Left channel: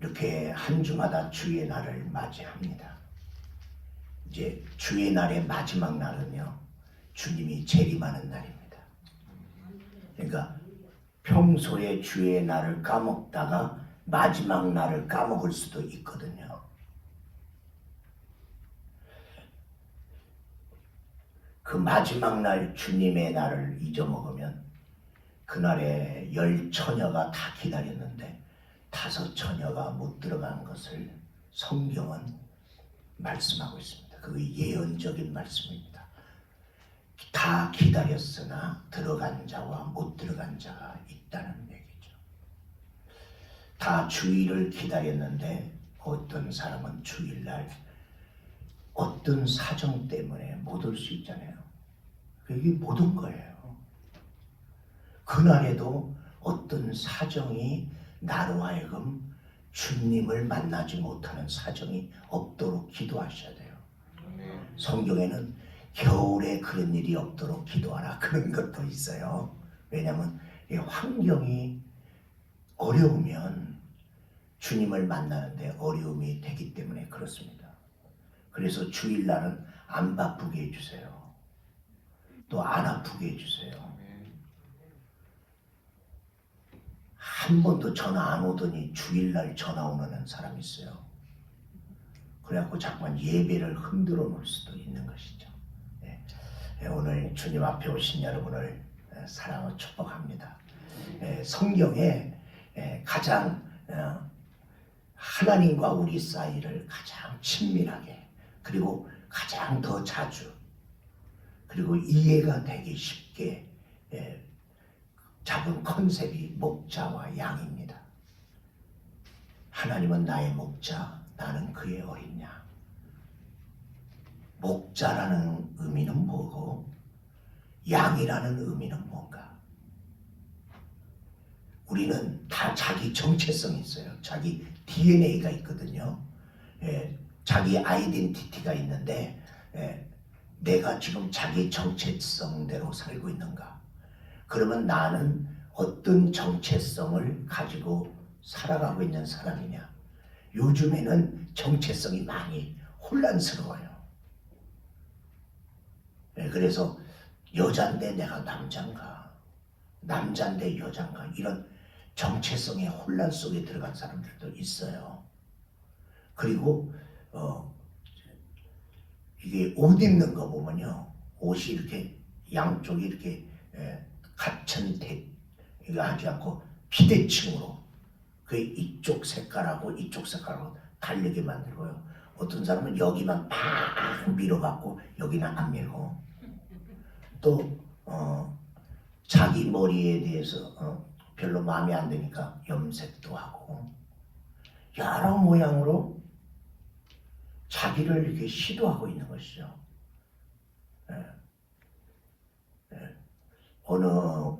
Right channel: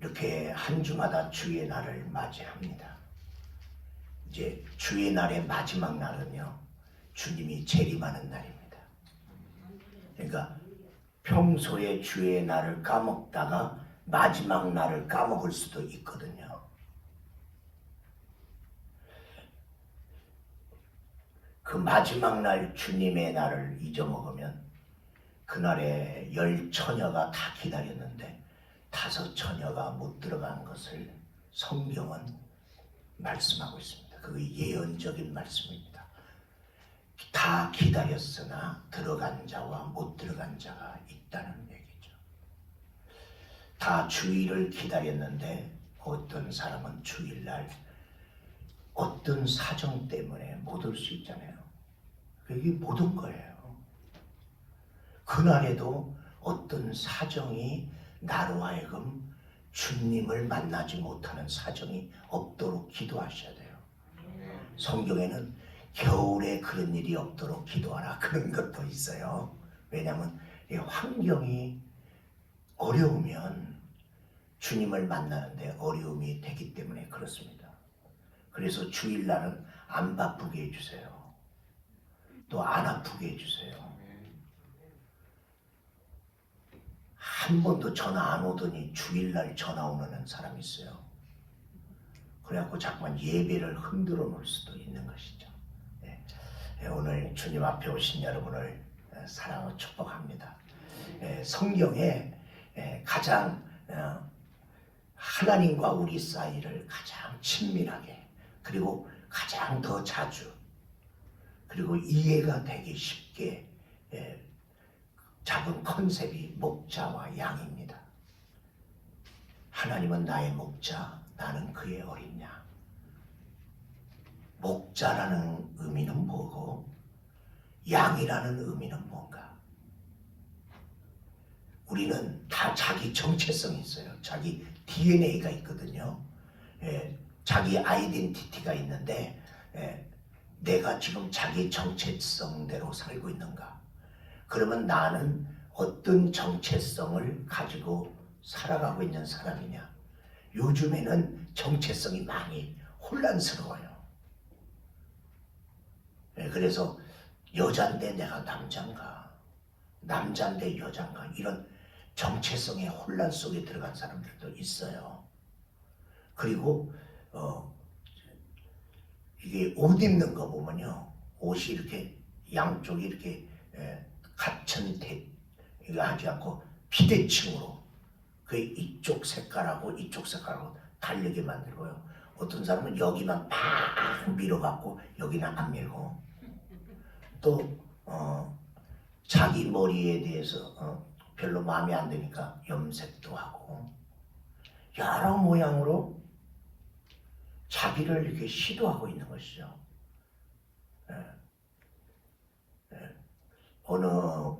이렇게 한 주마다 주의 날을 맞이합니다. 이제 주의 날의 마지막 날은요, 주님이 재림하는 날입니다. 그러니까 평소에 주의 날을 까먹다가 마지막 날을 까먹을 수도 있거든요. 그 마지막 날 주님의 날을 잊어먹으면 그날에 10처녀가 다 기다렸는데 5처녀가 못 들어간 것을 성경은 말씀하고 있습니다. 그게 예언적인 말씀입니다. 다 기다렸으나 들어간 자와 못 들어간 자가 있다는 얘기죠. 다 주일을 기다렸는데 어떤 사람은 주일날 어떤 사정 때문에 못 올 수 있잖아요. 그게 못 온 거예요. 그날에도 어떤 사정이 나로 하여금 주님을 만나지 못하는 사정이 없도록 기도하셔야 돼요. 성경에는 겨울에 그런 일이 없도록 기도하라 그런 것도 있어요. 왜냐하면 환경이 어려우면 주님을 만나는데 어려움이 되기 때문에 그렇습니다. 그래서 주일날은 안 바쁘게 해주세요. 또 안 아프게 해주세요. 한 번도 전화 안 오더니 주일날 전화 오는 사람이 있어요. 그래갖고 자꾸만 예배를 흔들어 놓을 수도 있는 것이죠. 오늘 주님 앞에 오신 여러분을 사랑하고 축복합니다. 성경에 가장 하나님과 우리 사이를 가장 친밀하게 그리고 가장 더 자주 그리고 이해가 되기 쉽게 잡은 컨셉이 목자와 양입니다. 하나님은 나의 목자, 나는 그의 어린 양. 목자라는 의미는 뭐고 양이라는 의미는 뭔가? 우리는 다 자기 정체성이 있어요. 자기 DNA가 있거든요. 자기 아이덴티티가 있는데 내가 지금 자기 정체성대로 살고 있는가? 그러면 나는 어떤 정체성을 가지고 살아가고 있는 사람이냐? 요즘에는 정체성이 많이 혼란스러워요. 그래서 여잔데 내가 남잔가, 남잔데 여잔가 이런 정체성의 혼란 속에 들어간 사람들도 있어요. 그리고 이게 옷 입는 거 보면요, 옷이 이렇게 양쪽이 이렇게 같은 이거 하지 않고 비대칭으로 그 이쪽 색깔하고 이쪽 색깔하고 다르게 만들고요. 어떤 사람은 여기만 팍 밀어갖고 여기는 안 밀고 또 자기 머리에 대해서 별로 마음에 안 드니까 염색도 하고 여러 모양으로 자기를 이렇게 시도하고 있는 것이죠. 어느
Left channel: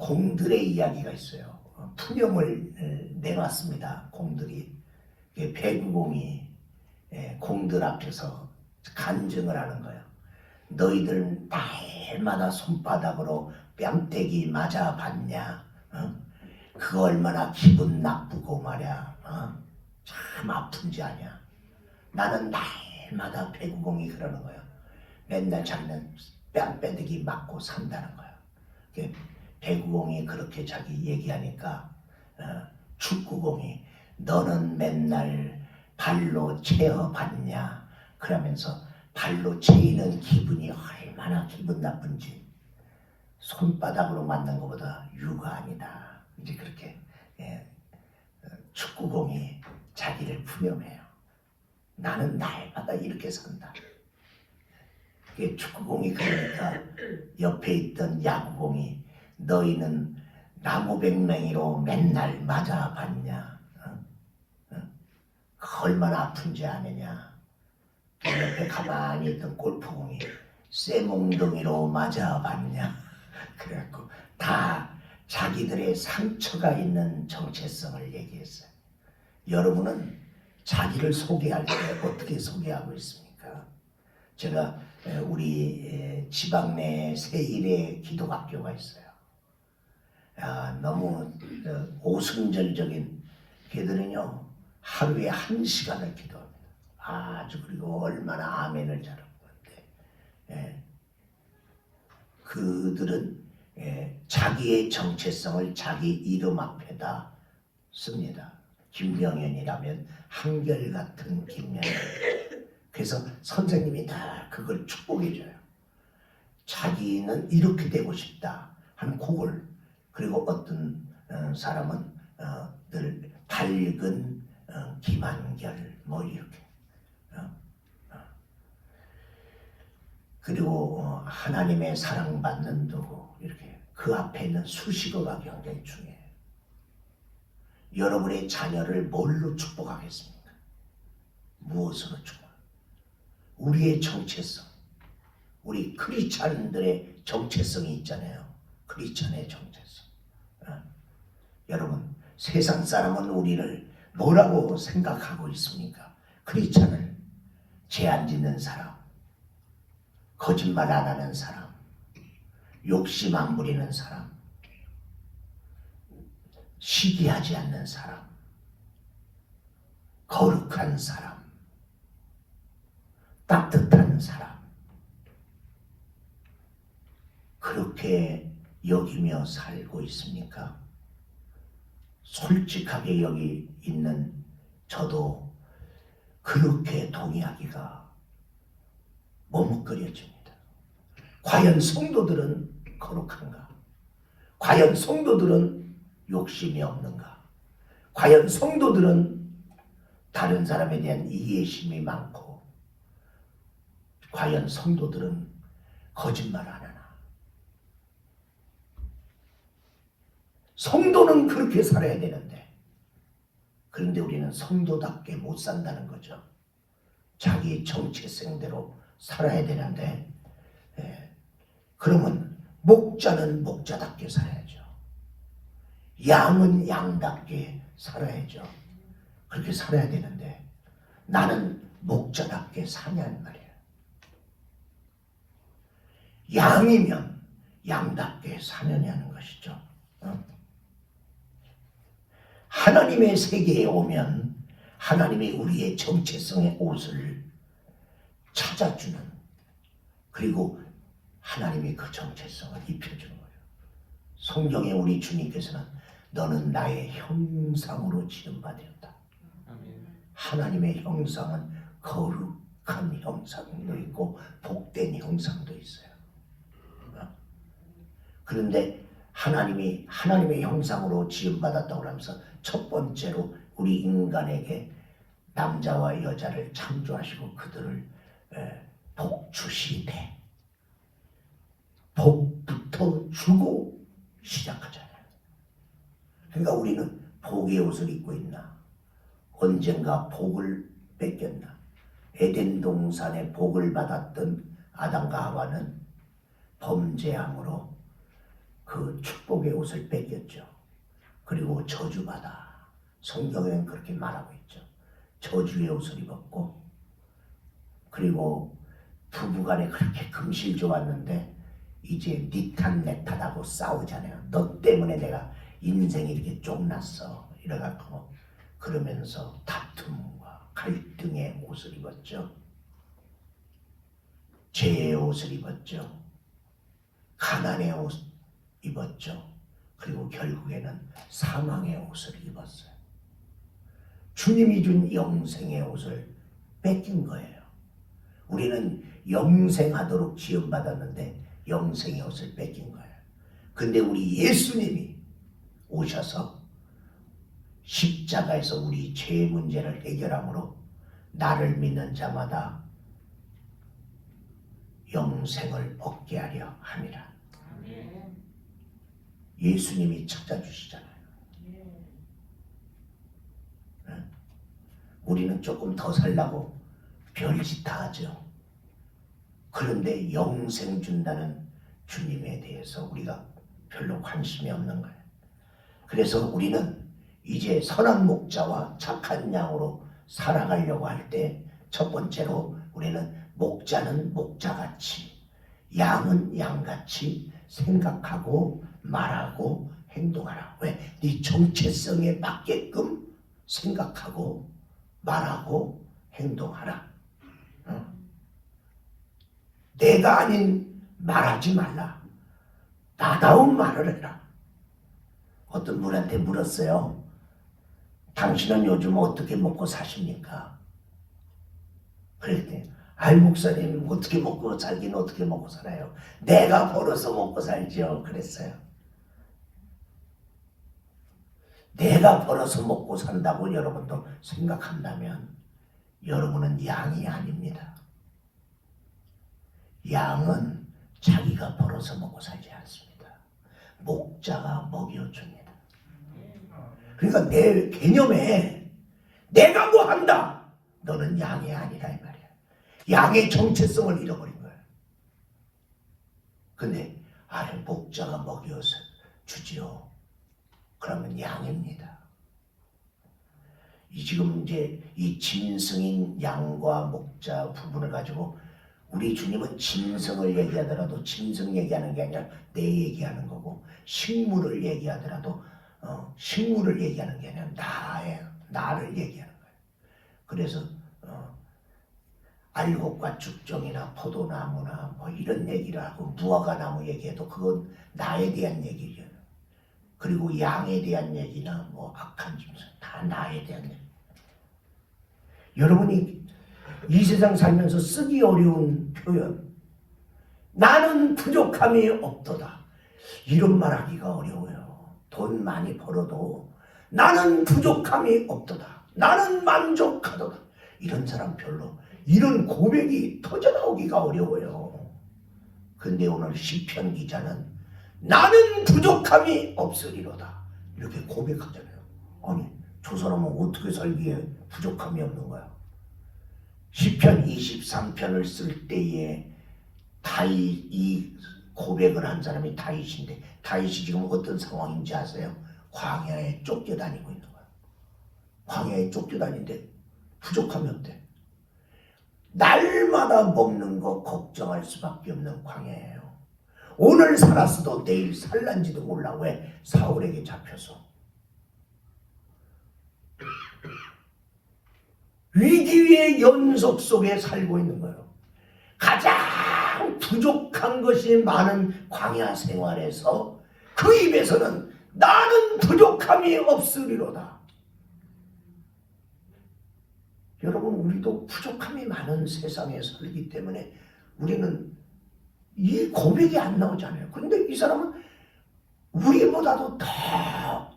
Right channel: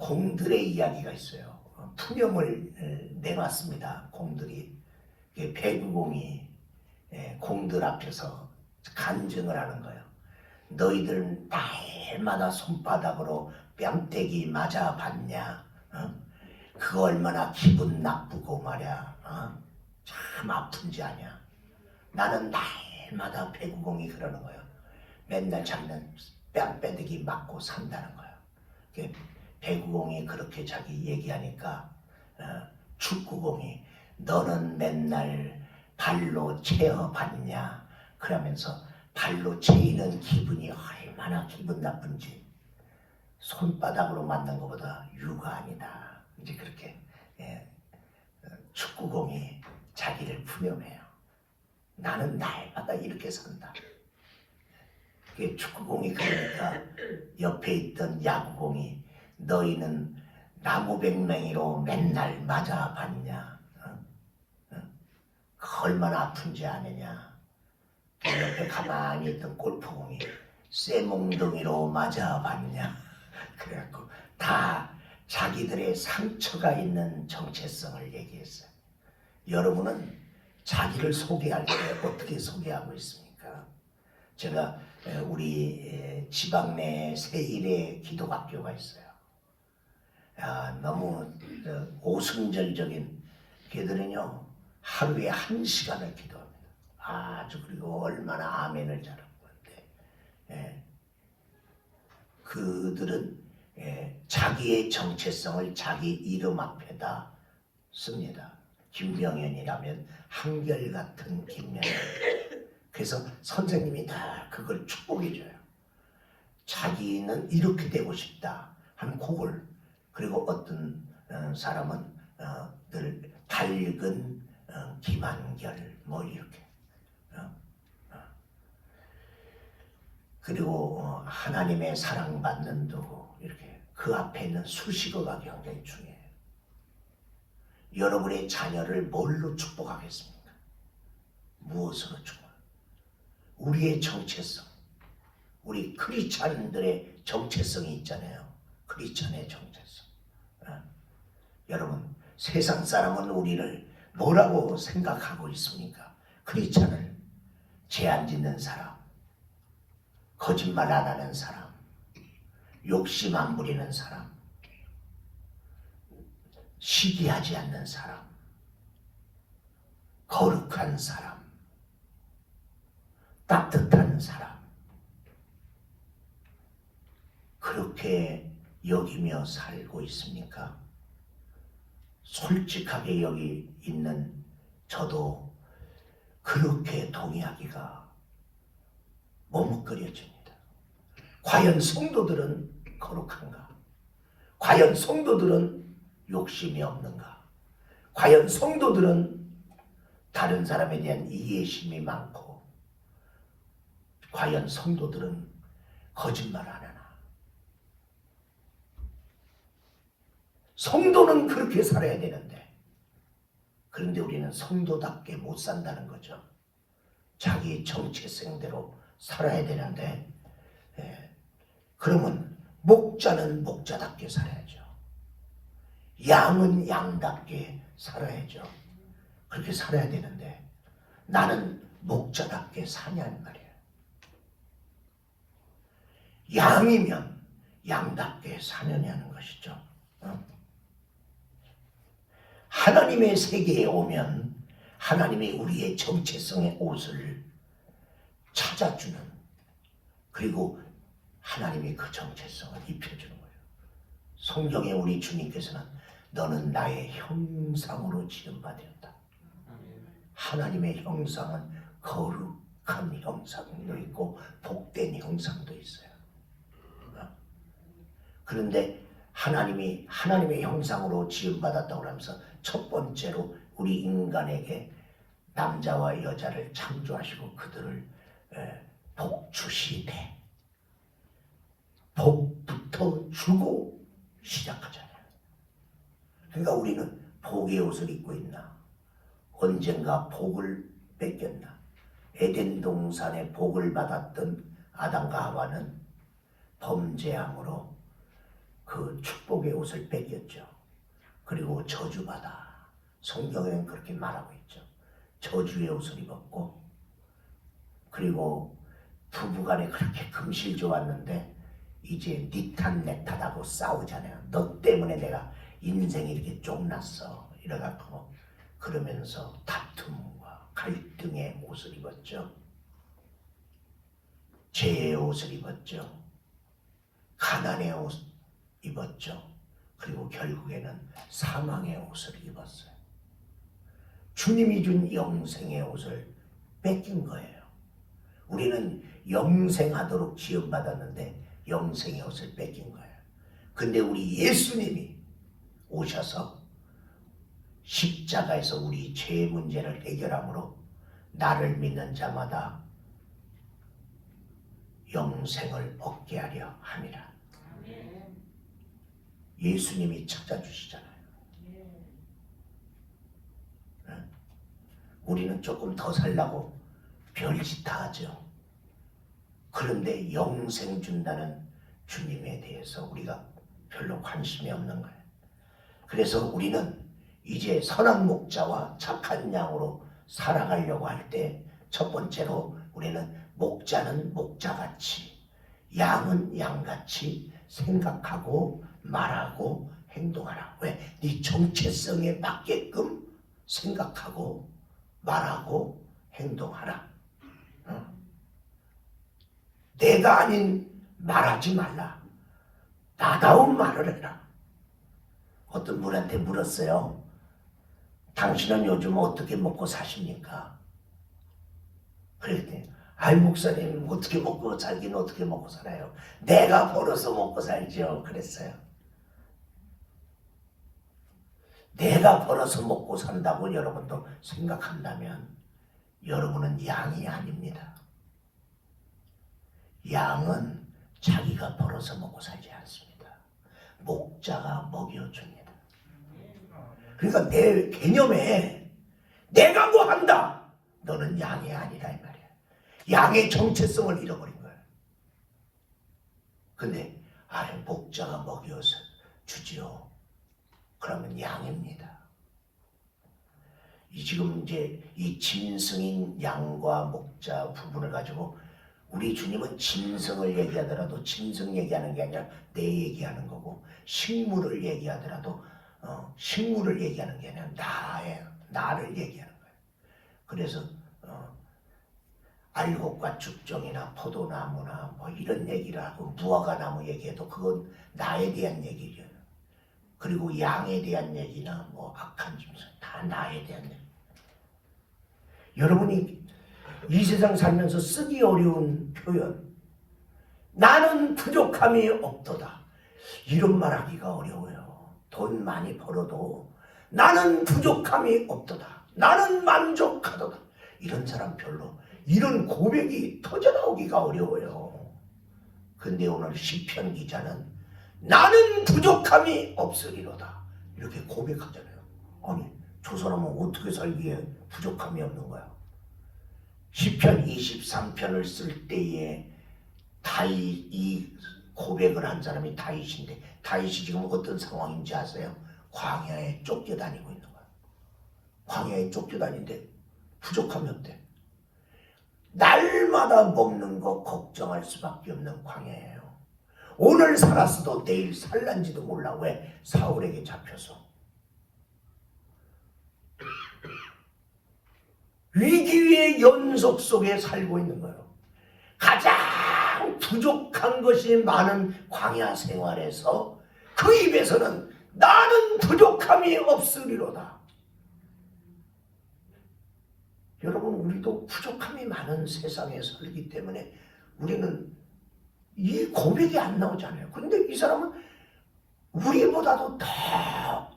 공들의 이야기가 있어요. 푸념을 내놨습니다. 공들이 배구공이 공들 앞에서 간증을 하는 거예요. 너희들은 날마다 손바닥으로 뺨때기 맞아봤냐? 그거 얼마나 기분 나쁘고 말이야. 참 아픈지 아냐? 나는 날마다 배구공이 그러는 거예요. 맨날 자기는 뺨때기 맞고 산다는 거예요. 배구공이 그렇게 자기 얘기하니까 축구공이 너는 맨날 발로 채어봤냐? 그러면서 발로 채이는 기분이 얼마나 기분 나쁜지 손바닥으로 맞는 것보다 유가 아니다. 이제 그렇게 축구공이 자기를 푸념해요. 나는 날마다 이렇게 산다. 축구공이 그러니까 옆에 있던 야구공이 너희는 나무백맹이로 맨날 맞아봤냐? 얼마나 아픈지 아느냐? 옆에 가만히 있던 골프공이 쇠몽둥이로 맞아봤냐? 그래갖고 다 자기들의 상처가 있는 정체성을 얘기했어요. 여러분은 자기를 소개할 때 어떻게 소개하고 있습니까? 제가 우리 지방 내 세일의 기독학교가 있어요. 너무 오승절적인 걔들은요 하루에 1시간을 기도합니다. 아주 그리고 얼마나 아멘을 잘하는 건데 그들은 자기의 정체성을 자기 이름 앞에다 씁니다. 김병현이라면 한결같은 김명현. 그래서 선생님이 다 그걸 축복해줘요. 자기는 이렇게 되고 싶다 하는 곡을. 그리고 어떤 사람은 늘 밝은 김한결 뭐 이렇게. 그리고 하나님의 사랑받는 도구 이렇게 그 앞에 있는 수식어가 굉장히 중요해요. 여러분의 자녀를 뭘로 축복하겠습니까? 무엇으로 축복? 우리의 정체성, 우리 크리스찬들의 정체성이 있잖아요. 크리스찬의 정체성. 여러분, 세상 사람은 우리를 뭐라고 생각하고 있습니까? 크리스찬을 죄 안 짓는 사람, 거짓말 안 하는 사람, 욕심 안 부리는 사람, 시기하지 않는 사람, 거룩한 사람, 따뜻한 사람, 그렇게 여기며 살고 있습니까? 솔직하게 여기 있는 저도 그렇게 동의하기가 머뭇거려집니다. 과연 성도들은 거룩한가? 과연 성도들은 욕심이 없는가? 과연 성도들은 다른 사람에 대한 이해심이 많고, 과연 성도들은 거짓말 안 하나? 성도는 그렇게 살아야 되는데, 그런데 우리는 성도답게 못 산다는 거죠. 자기 정체성대로 살아야 되는데, 그러면 목자는 목자답게 살아야죠. 양은 양답게 살아야죠. 그렇게 살아야 되는데 나는 목자답게 사냐는 말이에요. 양이면 양답게 사느냐는 것이죠. 하나님의 세계에 오면 하나님이 우리의 정체성의 옷을 찾아주는, 그리고 하나님이 그 정체성을 입혀주는 거예요. 성경에 우리 주님께서는 너는 나의 형상으로 지음받았다. 하나님의 형상은 거룩한 형상도 있고 복된 형상도 있어요. 그런데 하나님이 하나님의 형상으로 지음받았다고 하면서 첫 번째로 우리 인간에게 남자와 여자를 창조하시고 그들을 복주시되, 복부터 주고 시작하잖아요. 그러니까 우리는 복의 옷을 입고 있나? 언젠가 복을 뺏겼나? 에덴 동산에 복을 받았던 아담과 하와는 범죄함으로 그 축복의 옷을 뺏겼죠. 그리고 저주받아. 성경에는 그렇게 말하고 있죠. 저주의 옷을 입었고, 그리고 부부간에 그렇게 금실 좋았는데 이제 네 탓 내 탓하고 싸우잖아요. 너 때문에 내가 인생이 이렇게 쫑났어. 이래갖고 그러면서 다툼과 갈등의 옷을 입었죠. 죄의 옷을 입었죠. 가난의 옷 입었죠. 그리고 결국에는 사망의 옷을 입었어요. 주님이 준 영생의 옷을 뺏긴 거예요. 우리는 영생하도록 지음받았는데 영생의 옷을 뺏긴 거예요. 근데 우리 예수님이 오셔서 십자가에서 우리 죄의 문제를 해결함으로 나를 믿는 자마다 영생을 얻게 하려 함이라. 예수님이 찾아주시잖아요. 우리는 조금 더 살라고 별짓 다 하죠. 그런데 영생 준다는 주님에 대해서 우리가 별로 관심이 없는 거예요. 그래서 우리는 이제 선한 목자와 착한 양으로 살아가려고 할 때 첫 번째로 우리는 목자는 목자같이, 양은 양같이 생각하고 말하고 행동하라. 왜? 네 정체성에 맞게끔 생각하고 말하고 행동하라. 내가 아닌 말하지 말라. 나다운 말을 해라. 어떤 분한테 물었어요. 당신은 요즘 어떻게 먹고 사십니까? 그랬더니 아이 목사님 어떻게 먹고 살긴 어떻게 먹고 살아요? 내가 벌어서 먹고 살죠. 그랬어요. 내가 벌어서 먹고 산다고 여러분도 생각한다면 여러분은 양이 아닙니다. 양은 자기가 벌어서 먹고 살지 않습니다. 목자가 먹여줍니다. 그러니까 내 개념에 내가 뭐 한다. 너는 양이 아니라 이 말이야. 양의 정체성을 잃어버린 거야. 근데 목자가 먹여서 주지요. 그러면 양입니다. 지금 이제 이 짐승인 양과 목자 부분을 가지고 우리 주님은 짐승을 얘기하더라도 짐승 얘기하는 게 아니라 내 얘기하는 거고, 식물을 얘기하더라도 식물을 얘기하는 게 아니라 나를 얘기하는 거예요. 그래서 알곡과 죽정이나 포도나무나 뭐 이런 얘기를 하고 무화과나무 얘기해도 그건 나에 대한 얘기예요. 그리고 양에 대한 얘기나 뭐 악한 짐승 다 나에 대한 얘기. 여러분이 이 세상 살면서 쓰기 어려운 표현, 나는 부족함이 없도다, 이런 말하기가 어려워요. 돈 많이 벌어도 나는 부족함이 없도다, 나는 만족하도다, 이런 사람 별로, 이런 고백이 터져나오기가 어려워요. 근데 오늘 시편 기자는 나는 부족함이 없으리로다 이렇게 고백하잖아요. 아니 저 사람은 어떻게 살기에 부족함이 없는 거야? 시편 23편을 쓸 때에 다윗, 이 고백을 한 사람이 다윗인데, 다윗이 지금 어떤 상황인지 아세요? 광야에 쫓겨다니고 있는 거야. 광야에 쫓겨다니는데 부족함이 없대. 날마다 먹는 거 걱정할 수밖에 없는 광야예요. 오늘 살았어도 내일 살란지도 몰라. 왜? 사울에게 잡혀서. 위기의 연속 속에 살고 있는 거예요. 가장 부족한 것이 많은 광야 생활에서 그 입에서는 나는 부족함이 없으리로다. 여러분, 우리도 부족함이 많은 세상에 살기 때문에 우리는 이 고백이 안 나오잖아요. 근데 이 사람은 우리보다도 더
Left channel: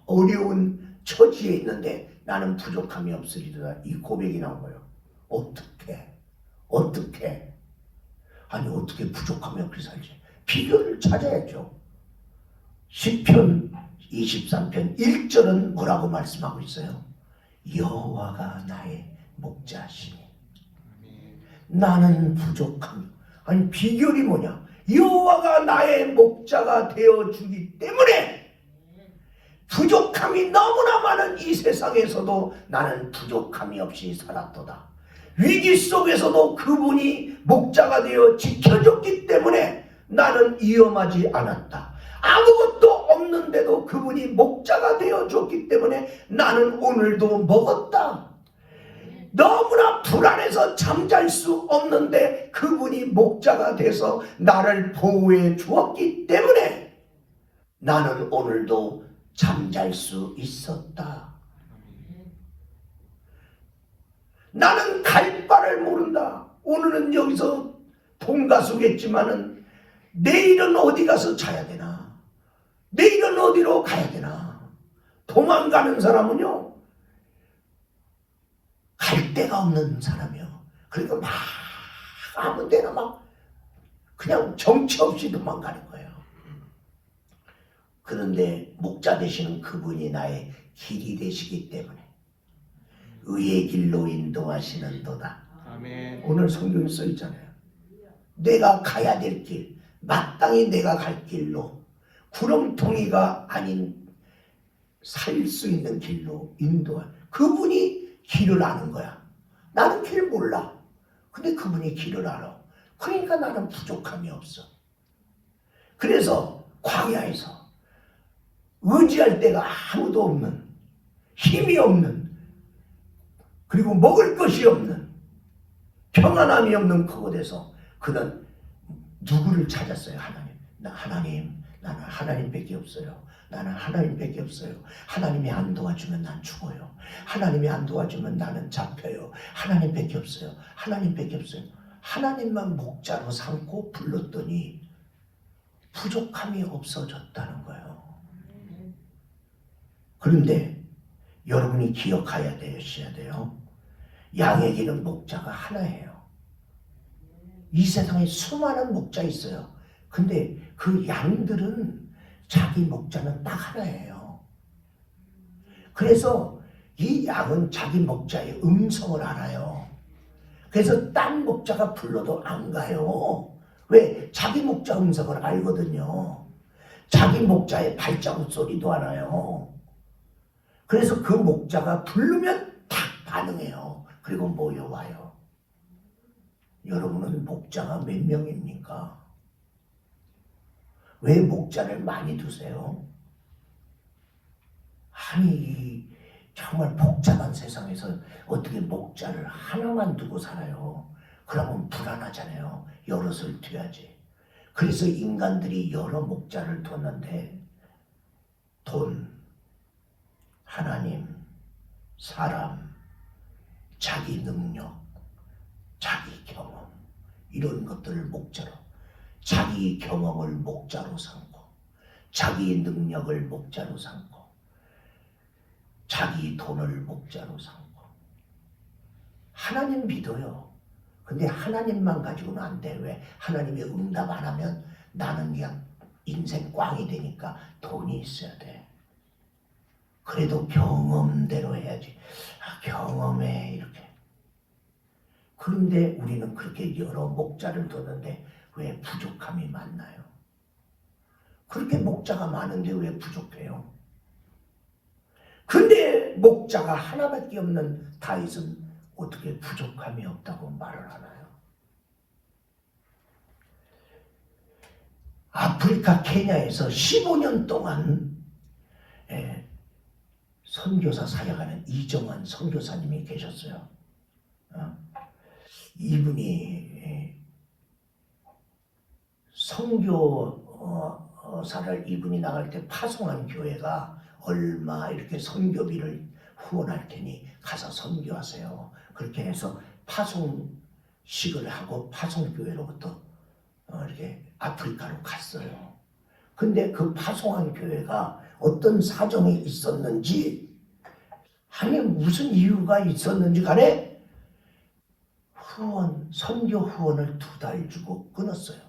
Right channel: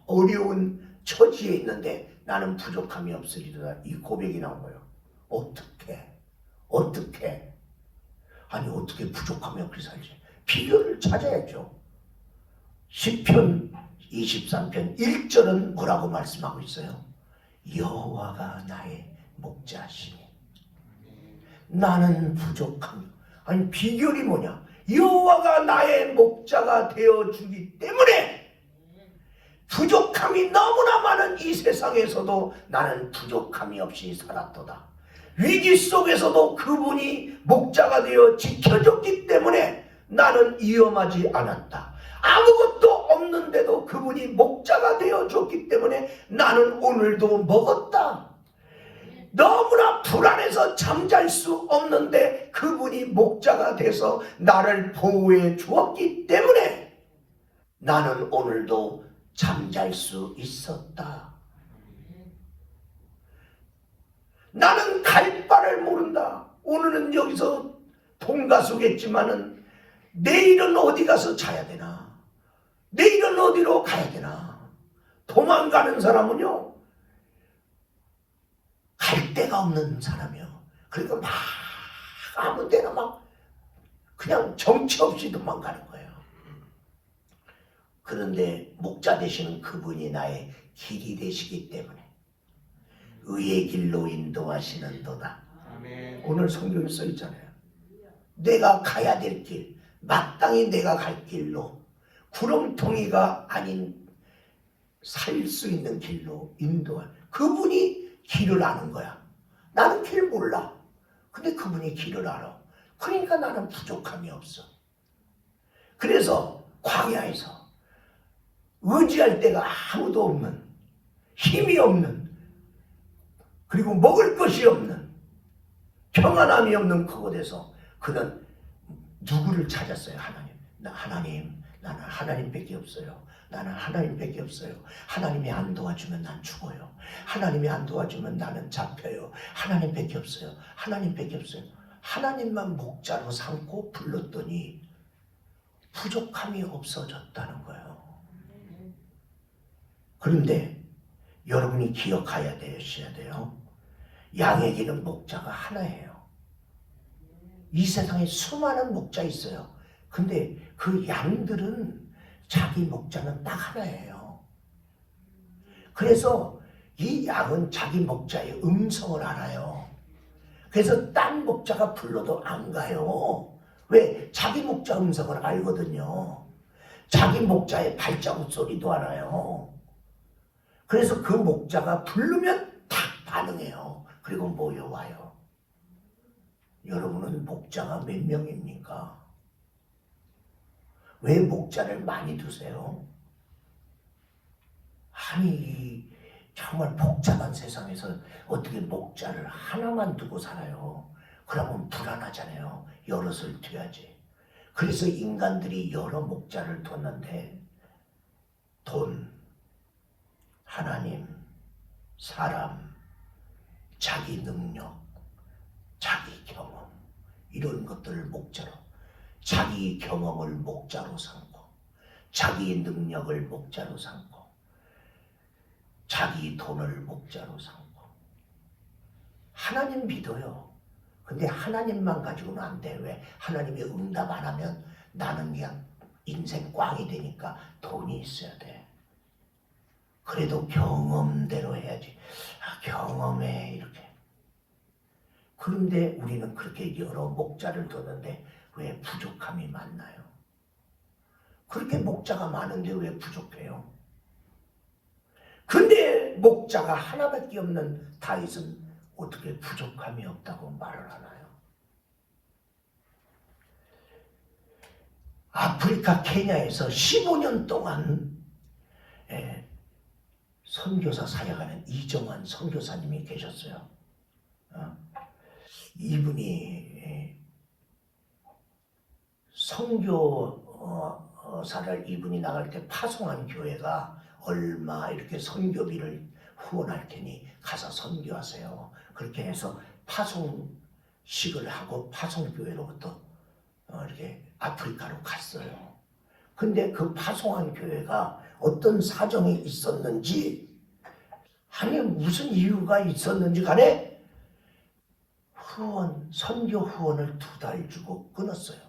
어려운 처지에 있는데 나는 부족함이 없으리로다, 이 고백이 나온 거예요. 어떻게 아니 어떻게 부족함이 없게 살지? 비결을 찾아야죠. 시편 23편 1절은 뭐라고 말씀하고 있어요? 여호와가 나의 목자시니 나는 부족함. 아니 비결이 뭐냐? 여호와가 나의 목자가 되어주기 때문에 부족함이 너무나 많은 이 세상에서도 나는 부족함이 없이 살았도다. 위기 속에서도 그분이 목자가 되어 지켜줬기 때문에 나는 위험하지 않았다. 아무것도 없는데도 그분이 목자가 되어줬기 때문에 나는 오늘도 먹었다. 너무나 불안해서 잠잘 수 없는데 그분이 목자가 돼서 나를 보호해 주었기 때문에 나는 오늘도 잠잘 수 있었다. 나는 갈 바를 모른다. 오늘은 여기서 동가수겠지만은 내일은 어디 가서 자야 되나? 내일은 어디로 가야 되나? 도망가는 사람은요, 갈 데가 없는 사람이요. 그러니까 막 아무 데나 막 그냥 정처 없이 도망가는 거예요. 그런데 목자 되시는 그분이 나의 길이 되시기 때문에 의의 길로 인도하시는도다. 아멘. 오늘 성경에 써 있잖아요. 내가 가야 될 길, 마땅히 내가 갈 길로, 구렁텅이가 아닌 살 수 있는 길로 인도할, 그분이 길을 아는 거야. 나는 길 몰라. 근데 그분이 길을 알아. 그러니까 나는 부족함이 없어. 그래서 광야에서 의지할 데가 아무도 없는, 힘이 없는, 그리고 먹을 것이 없는, 평안함이 없는 그곳에서 그는 누구를 찾았어요? 하나님. 나는 하나님밖에 없어요. 나는 하나님밖에 없어요. 하나님이 안 도와주면 난 죽어요. 하나님이 안 도와주면 나는 잡혀요. 하나님밖에 없어요. 하나님밖에 없어요. 하나님만 목자로 삼고 불렀더니 부족함이 없어졌다는 거예요. 그런데 여러분이 기억해야 돼요. 양에게는 목자가 하나예요. 이 세상에 수많은 목자 있어요. 근데 그 양들은 자기 목자는 딱 하나예요. 그래서 이 양은 자기 목자의 음성을 알아요. 그래서 딴 목자가 불러도 안 가요. 왜? 자기 목자 음성을 알거든요. 자기 목자의 발자국 소리도 알아요. 그래서 그 목자가 부르면 탁 반응해요. 그리고 모여와요. 여러분은 목자가 몇 명입니까? 왜 목자를 많이 두세요? 아니, 정말 복잡한 세상에서 어떻게 목자를 하나만 두고 살아요? 그러면 불안하잖아요. 여럿을 둬야지. 그래서 인간들이 여러 목자를 뒀는데 돈, 하나님, 사람, 자기 능력, 자기 경험, 이런 것들을 목자로, 자기 경험을 목자로 삼고, 자기 능력을 목자로 삼고, 자기 돈을 목자로 삼고. 하나님 믿어요. 근데 하나님만 가지고는 안 돼. 왜? 하나님이 응답 안 하면 나는 그냥 인생 꽝이 되니까 돈이 있어야 돼. 그래도 경험대로 해야지. 경험해, 이렇게. 그런데 우리는 그렇게 여러 목자를 뒀는데 왜 부족함이 많나요? 그렇게 목자가 많은데 왜 부족해요? 근데 목자가 하나밖에 없는 다윗은 어떻게 부족함이 없다고 말을 하나요? 아프리카 케냐에서 15년 동안 선교사 사역하는 이정환 선교사님이 계셨어요. 이분이 선교사를 이분이 나갈 때 파송한 교회가 얼마 이렇게 선교비를 후원할 테니 가서 선교하세요. 그렇게 해서 파송식을 하고 파송교회로부터 이렇게 아프리카로 갔어요. 근데 그 파송한 교회가 어떤 사정이 있었는지, 아니 무슨 이유가 있었는지 간에 선교 후원을 2달 주고 끊었어요.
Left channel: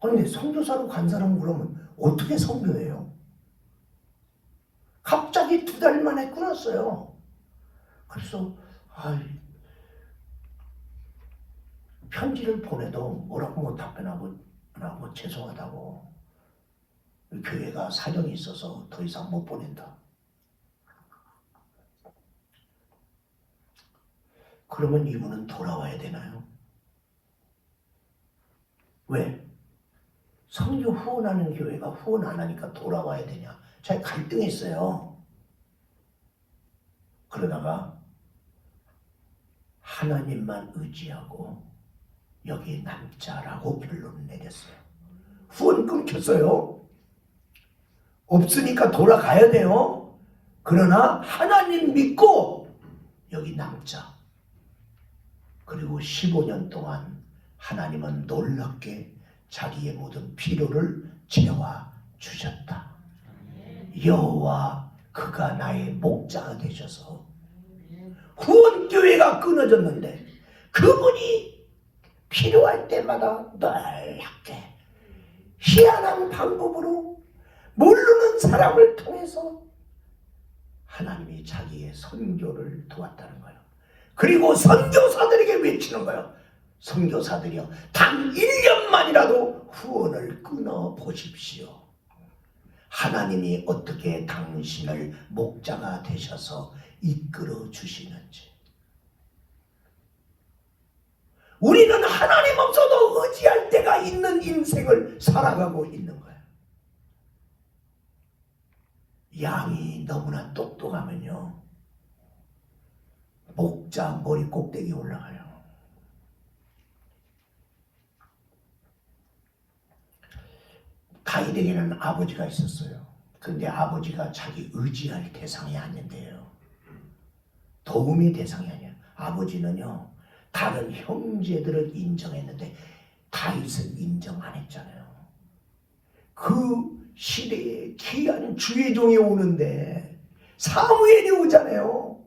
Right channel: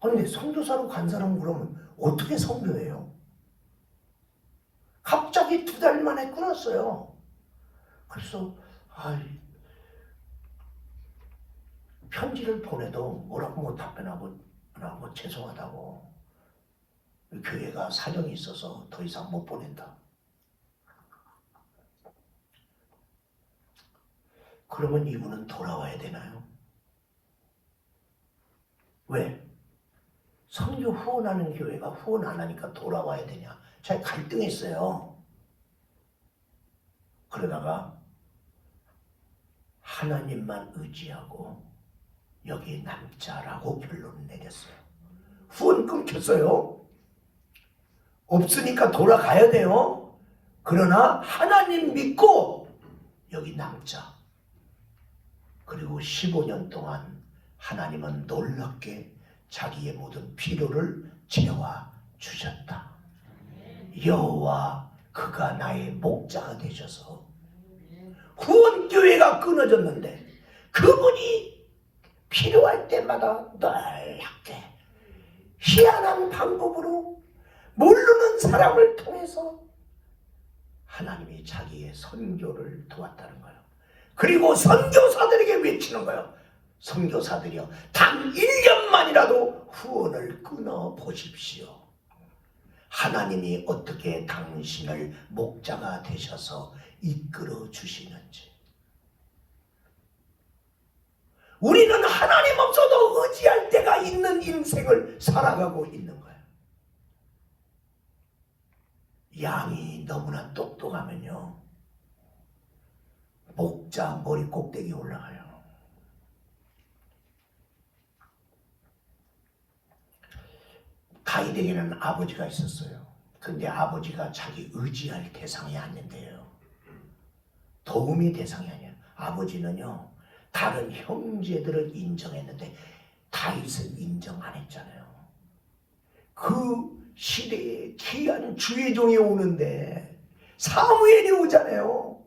그런데 선교사로 간 사람은 그러면 어떻게 선교해요? 갑자기 2달 만에 끊었어요. 그래서 편지를 보내도 뭐라고 못 답변하고 죄송하다고, 교회가 사정이 있어서 더 이상 못 보낸다. 그러면 이분은 돌아와야 되나요? 왜? 선교 후원하는 교회가 후원 안 하니까 돌아와야 되냐? 제가 갈등했어요. 그러다가 하나님만 의지하고 여기 남자라고 결론을 내렸어요. 후원 끊겼어요. 없으니까 돌아가야 돼요. 그러나 하나님 믿고 여기 남자. 그리고 15년 동안 하나님은 놀랍게 자기의 모든 필요를 채워 주셨다. 여호와 그가 나의 목자가 되셔서 후원교회가 끊어졌는데 그분이 필요할 때마다 넓게 희한한 방법으로 모르는 사람을 통해서 하나님이 자기의 선교를 도왔다는 거예요. 그리고 선교사들에게 외치는 거예요. 선교사들이여, 단 1년만이라도 후원을 끊어 보십시오. 하나님이 어떻게 당신을 목자가 되셔서 이끌어 주시는지. 우리는 하나님 없어도 의지할 때가 있는 인생을 살아가고 있는 거예요. 양이 너무나 똑똑하면요, 목자 머리 꼭대기에 올라가요. 다윗에게는 아버지가 있었어요. 근데 아버지가 자기 의지할 대상이 아닌데요, 도움이 대상이 아니에요. 아버지는요, 다른 형제들을 인정했는데 다윗을 인정 안 했잖아요. 그 시대에 귀한 주의 종이 오는데 사무엘이 오잖아요.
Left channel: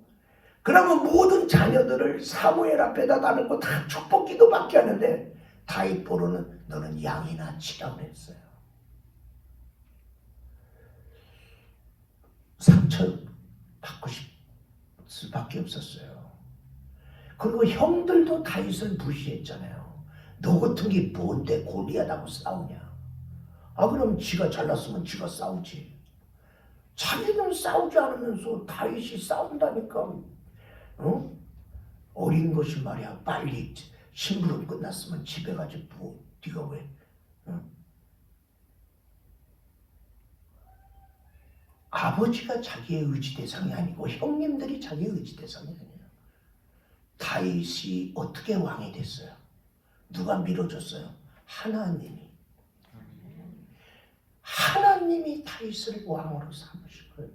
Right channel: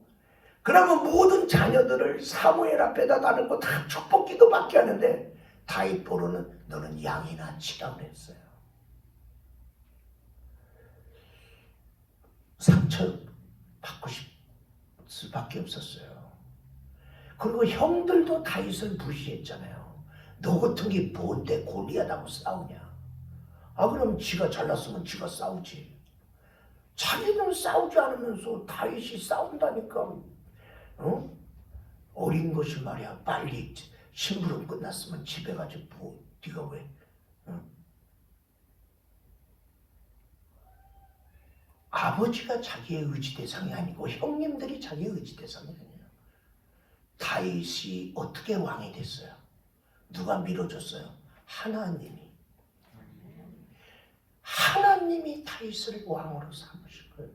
그러면 모든 자녀들을 사무엘 앞에다 놔놓고 다 축복기도 받게 하는데 다윗 보러는 너는 양이나 치라 그랬어요. 상처받고 싶을 수밖에 없었어요. 그리고 형들도 다윗을 무시했잖아요. 너 같은 게 뭔데 골리앗하고 싸우냐. 그럼 지가 잘났으면 지가 싸우지. 자기는 싸우지 않으면서 다윗이 싸운다니까. 어린 것이 말이야. 빨리 심부름 끝났으면 집에 가지 뭐 네가 왜. 아버지가 자기의 의지 대상이 아니고 형님들이 자기의 의지 대상이 아니에요. 다윗이 어떻게 왕이 됐어요? 누가 밀어줬어요? 하나님이 다윗을 왕으로 삼으신 거예요.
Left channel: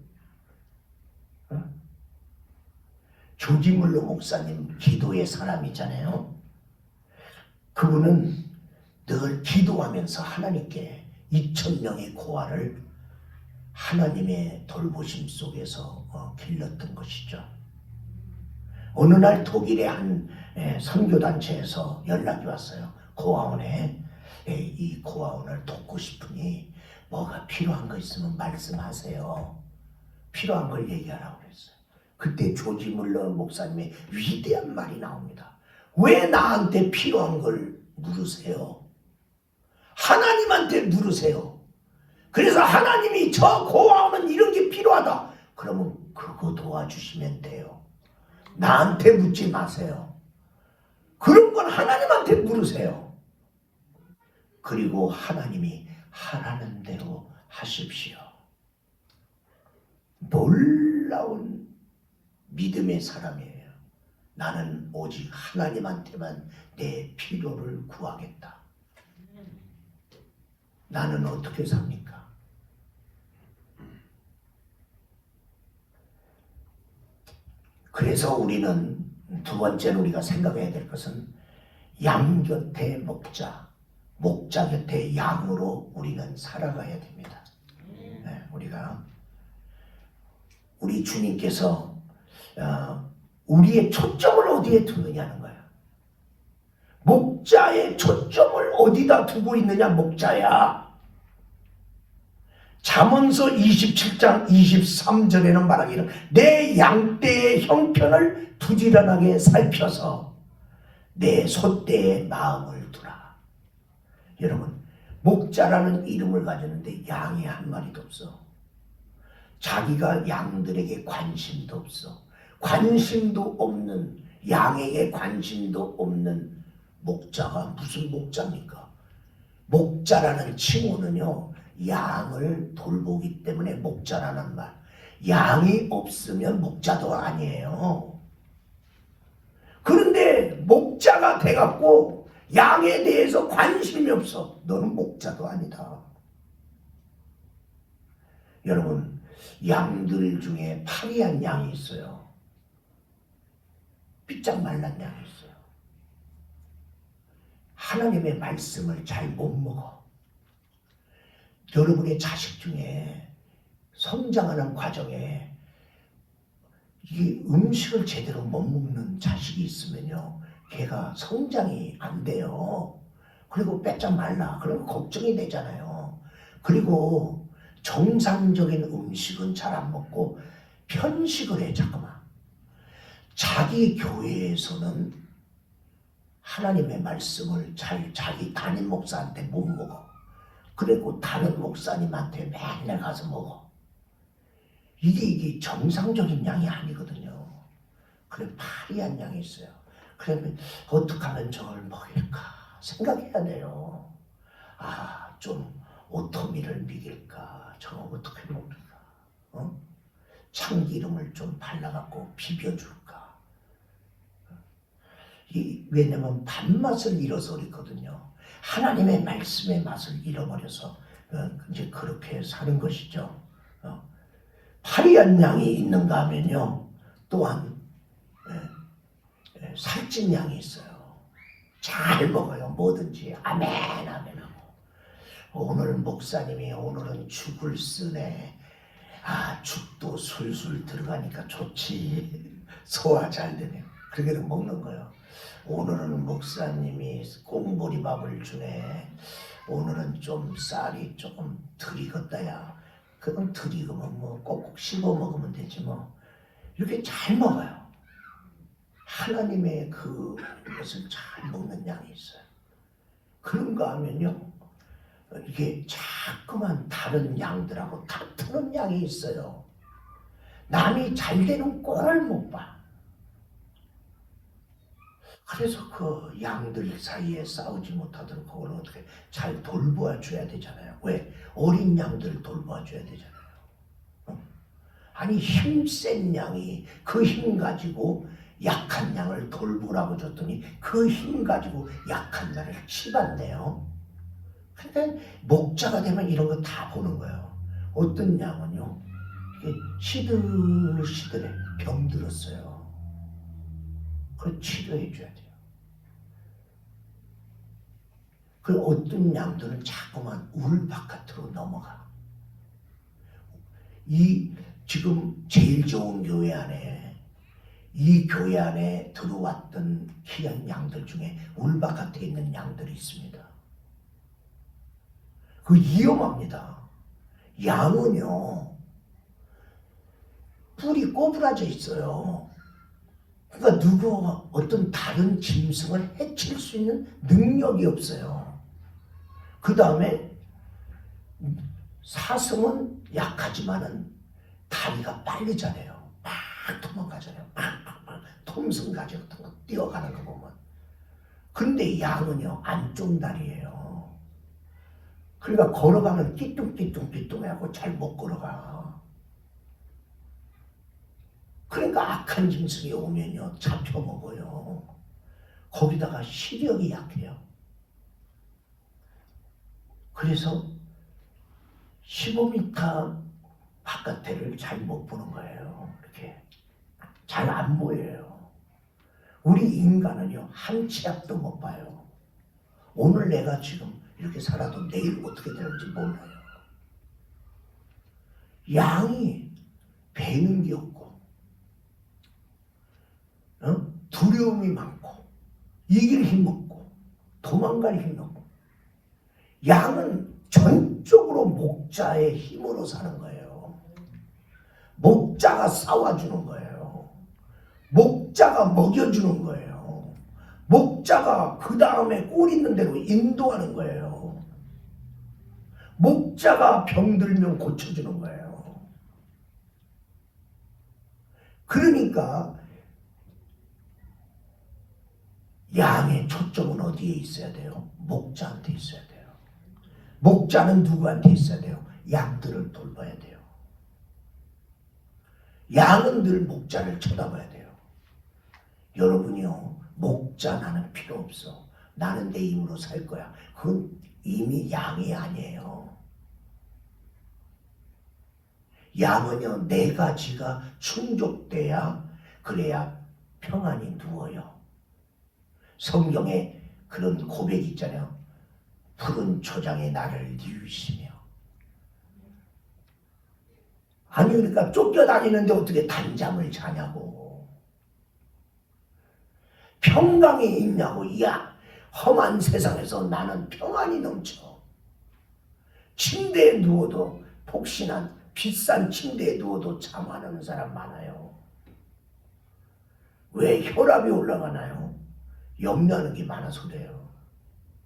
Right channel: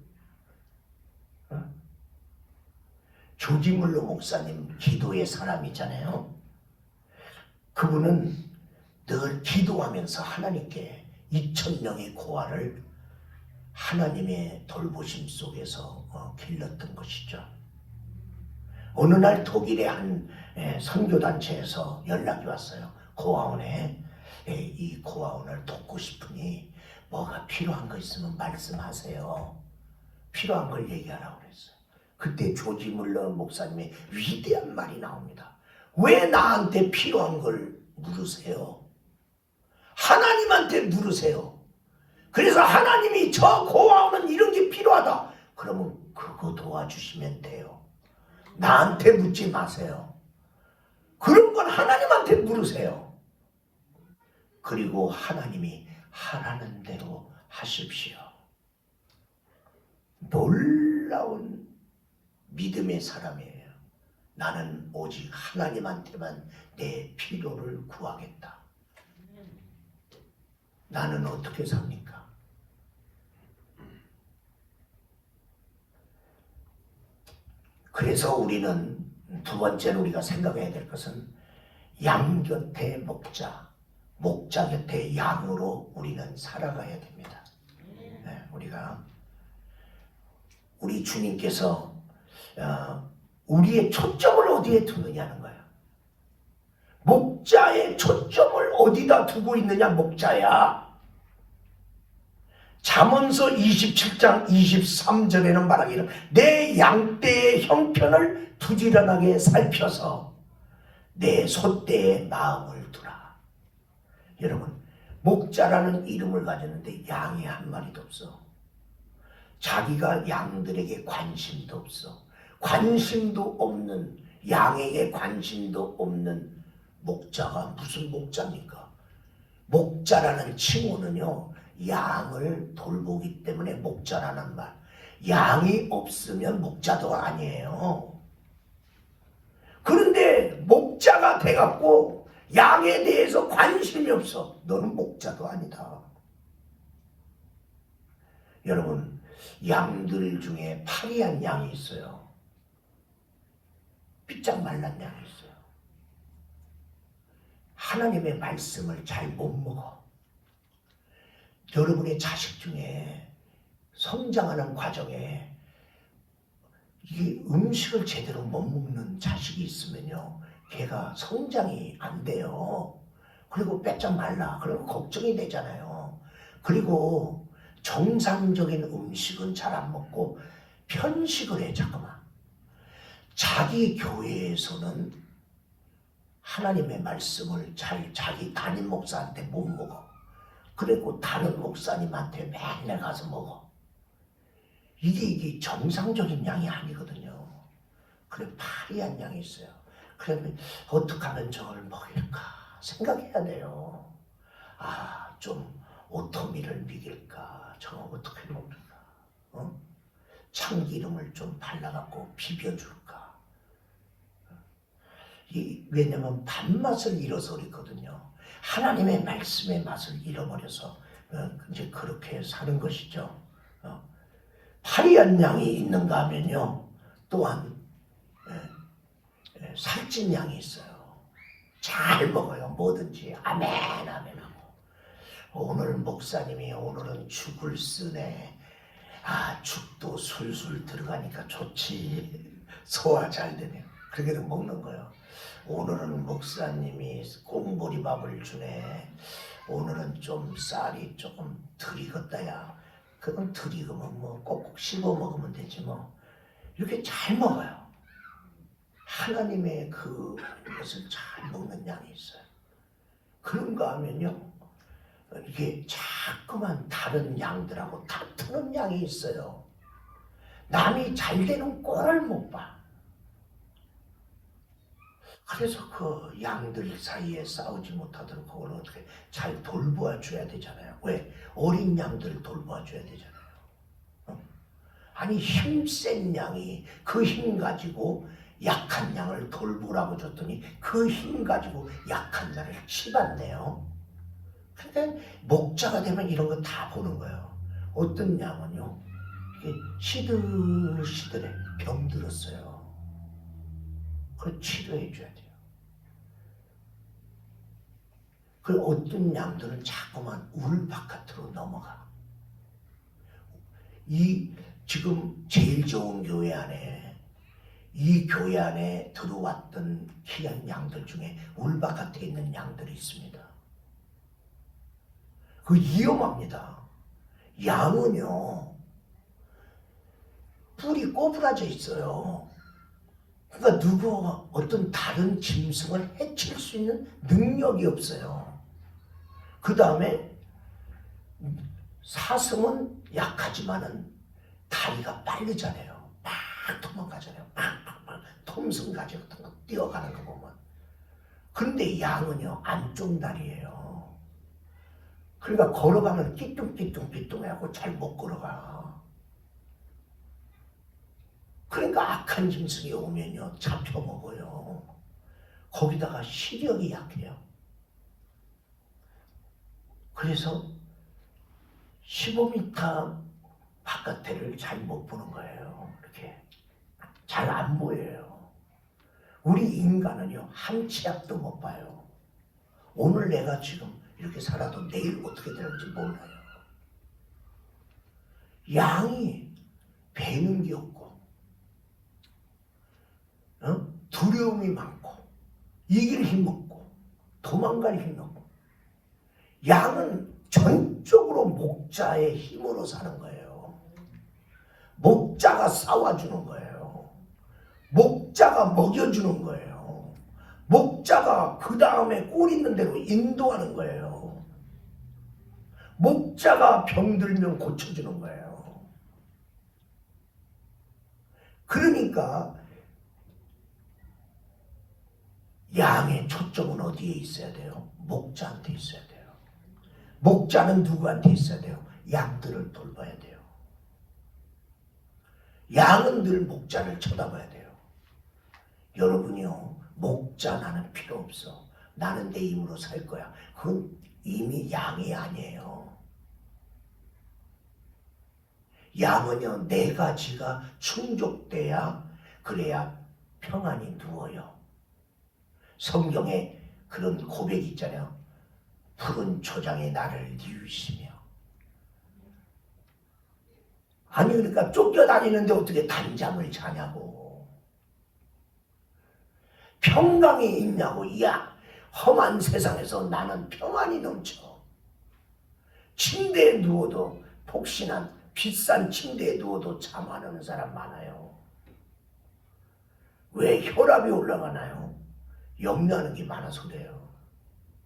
조지 물러 목사님 기도의 사람이잖아요. 그분은 늘 기도하면서 하나님께 2,000명의 고아를 하나님의 돌보심 속에서 길렀던 것이죠. 어느 날 독일의 한 선교단체에서 연락이 왔어요. 고아원에. 이 고아원을 돕고 싶으니 뭐가 필요한 거 있으면 말씀하세요. 필요한 걸 얘기하라고 그랬어요. 그때 조지 물러 목사님의 위대한 말이 나옵니다. 왜 나한테 필요한 걸 물으세요? 하나님한테 물으세요. 그래서 하나님이 저 고아원은 이런 게 필요하다. 그러면 그거 도와주시면 돼요. 나한테 묻지 마세요. 그런 건 하나님한테 물으세요. 그리고 하나님이 하라는 대로 하십시오. 놀라운 믿음의 사람이에요. 나는 오직 하나님한테만 내 필요를 구하겠다. 나는 어떻게 삽니까? 그래서 우리는 두 번째로 우리가 생각해야 될 것은 양 곁에 목자, 목자 곁에 양으로 우리는 살아가야 됩니다. 우리 주님께서 우리의 초점을 어디에 두느냐는 거예요. 목자의 초점을 어디다 두고 있느냐, 목자야. 잠언서 27장 23절에는 말하기를 내 양떼의 형편을 부지런하게 살펴서 내 소떼의 마음을 두라. 여러분, 목자라는 이름을 가졌는데 양이 한 마리도 없어. 자기가 양들에게 관심도 없어. 관심도 없는, 양에게 관심도 없는 목자가 무슨 목자입니까? 목자라는 칭호는요, 양을 돌보기 때문에 목자라는 말. 양이 없으면 목자도 아니에요. 그런데 목자가 돼갖고 양에 대해서 관심이 없어. 너는 목자도 아니다. 여러분, 양들 중에 파리한 양이 있어요. 삐짝 말란 양이 있어요. 하나님의 말씀을 잘 못 먹어. 여러분의 자식 중에 성장하는 과정에 이 음식을 제대로 못 먹는 자식이 있으면요, 걔가 성장이 안 돼요. 그리고 빼짝 말라. 그러면 걱정이 되잖아요. 그리고 정상적인 음식은 잘 안 먹고 편식을 해. 잠깐만. 자기 교회에서는 하나님의 말씀을 잘 자기 담임 목사한테 못 먹어. 그리고 다른 목사님한테 맨날 가서 먹어. 이게 정상적인 양이 아니거든요. 그래, 파리한 양이 있어요. 그러면 어떻게 하면 저걸 먹일까 생각해야 돼요. 좀 오토미를 먹일까, 저거 어떻게 먹을까, 참기름을 좀 발라갖고 비벼줄까? 왜냐면 밥맛을 잃어서 그렇거든요. 하나님의 말씀의 맛을 잃어버려서 이제 그렇게 사는 것이죠. 파리한 양이 있는가 하면요, 또한 살찐 양이 있어요. 잘 먹어요. 뭐든지 아멘 아멘 하고. 오늘 목사님이 오늘은 죽을 쓰네. 죽도 술술 들어가니까 좋지. 소화 잘 되네요. 그렇게 먹는 거예요. 오늘은 목사님이 꽁보리밥을 주네. 오늘은 좀 쌀이 조금 덜 익었다야. 그건 덜 익으면 뭐 꼭꼭 씹어 먹으면 되지 뭐. 이렇게 잘 먹어요. 하나님의 그것을 잘 먹는 양이 있어요. 그런가 하면요, 이게 자꾸만 다른 양들하고 다투는 양이 있어요. 남이 잘 되는 꼴을 못 봐. 그래서 그 양들 사이에 싸우지 못하도록 그걸 어떻게 잘 돌보아 줘야 되잖아요. 왜? 어린 양들 돌보아 줘야 되잖아요. 아니 힘센 양이 그 힘 가지고 약한 양을 돌보라고 줬더니 그 힘 가지고 약한 양을 치받네요. 근데 목자가 되면 이런 거 다 보는 거예요. 어떤 양은요, 시들시들해 병들었어요. 그걸 치료해 줘야 돼요. 그 어떤 양들은 자꾸만 울 바깥으로 넘어가. 이 지금 제일 좋은 교회 안에, 이 교회 안에 들어왔던 귀한 양들 중에 울 바깥에 있는 양들이 있습니다. 그 위험합니다. 양은요, 뿔이 꼬부라져 있어요. 그러니까 누구 어떤 다른 짐승을 해칠 수 있는 능력이 없어요. 그 다음에 사슴은 약하지만은 다리가 빠르잖아요. 막 도망가잖아요. 막 톰슨 가지고 뛰어가는 거 보면. 근데 양은요, 안쪽 다리예요. 그러니까 걸어가면 띠뚱띠뚱해하고 잘 못 걸어가. 그러니까 악한 짐승이 오면요, 잡혀먹어요. 거기다가 시력이 약해요. 그래서 15m 바깥에를 잘 못 보는 거예요. 이렇게 잘 안 보여요. 우리 인간은요, 한 치 앞도 못 봐요. 오늘 내가 지금 이렇게 살아도 내일 어떻게 될지 몰라요. 양이 배는 게 없고, 두려움이 많고, 이길 힘 없고, 도망갈 힘 없고, 양은 전적으로 목자의 힘으로 사는 거예요. 목자가 싸워주는 거예요. 목자가 먹여주는 거예요. 목자가 그 다음에 꼴 있는 대로 인도하는 거예요. 목자가 병들면 고쳐주는 거예요. 그러니까 양의 초점은 어디에 있어야 돼요? 목자한테 있어야 돼요. 목자는 누구한테 있어야 돼요? 양들을 돌봐야 돼요. 양은 늘 목자를 쳐다봐야 돼요. 여러분이요, 목자 나는 필요 없어. 나는 내 힘으로 살 거야. 그건 이미 양이 아니에요. 양은요, 네 가지가 충족돼야, 그래야 평안히 누워요. 성경에 그런 고백이 있잖아요. 푸른 초장에 나를 뉘우시며. 아니 그러니까 쫓겨다니는데 어떻게 단잠을 자냐고. 평강이 있냐고. 야, 험한 세상에서 나는 평안이 넘쳐. 침대에 누워도, 폭신한 비싼 침대에 누워도 잠 안 오는 사람 많아요. 왜? 혈압이 올라가나요? 염려하는 게 많아서 그래요.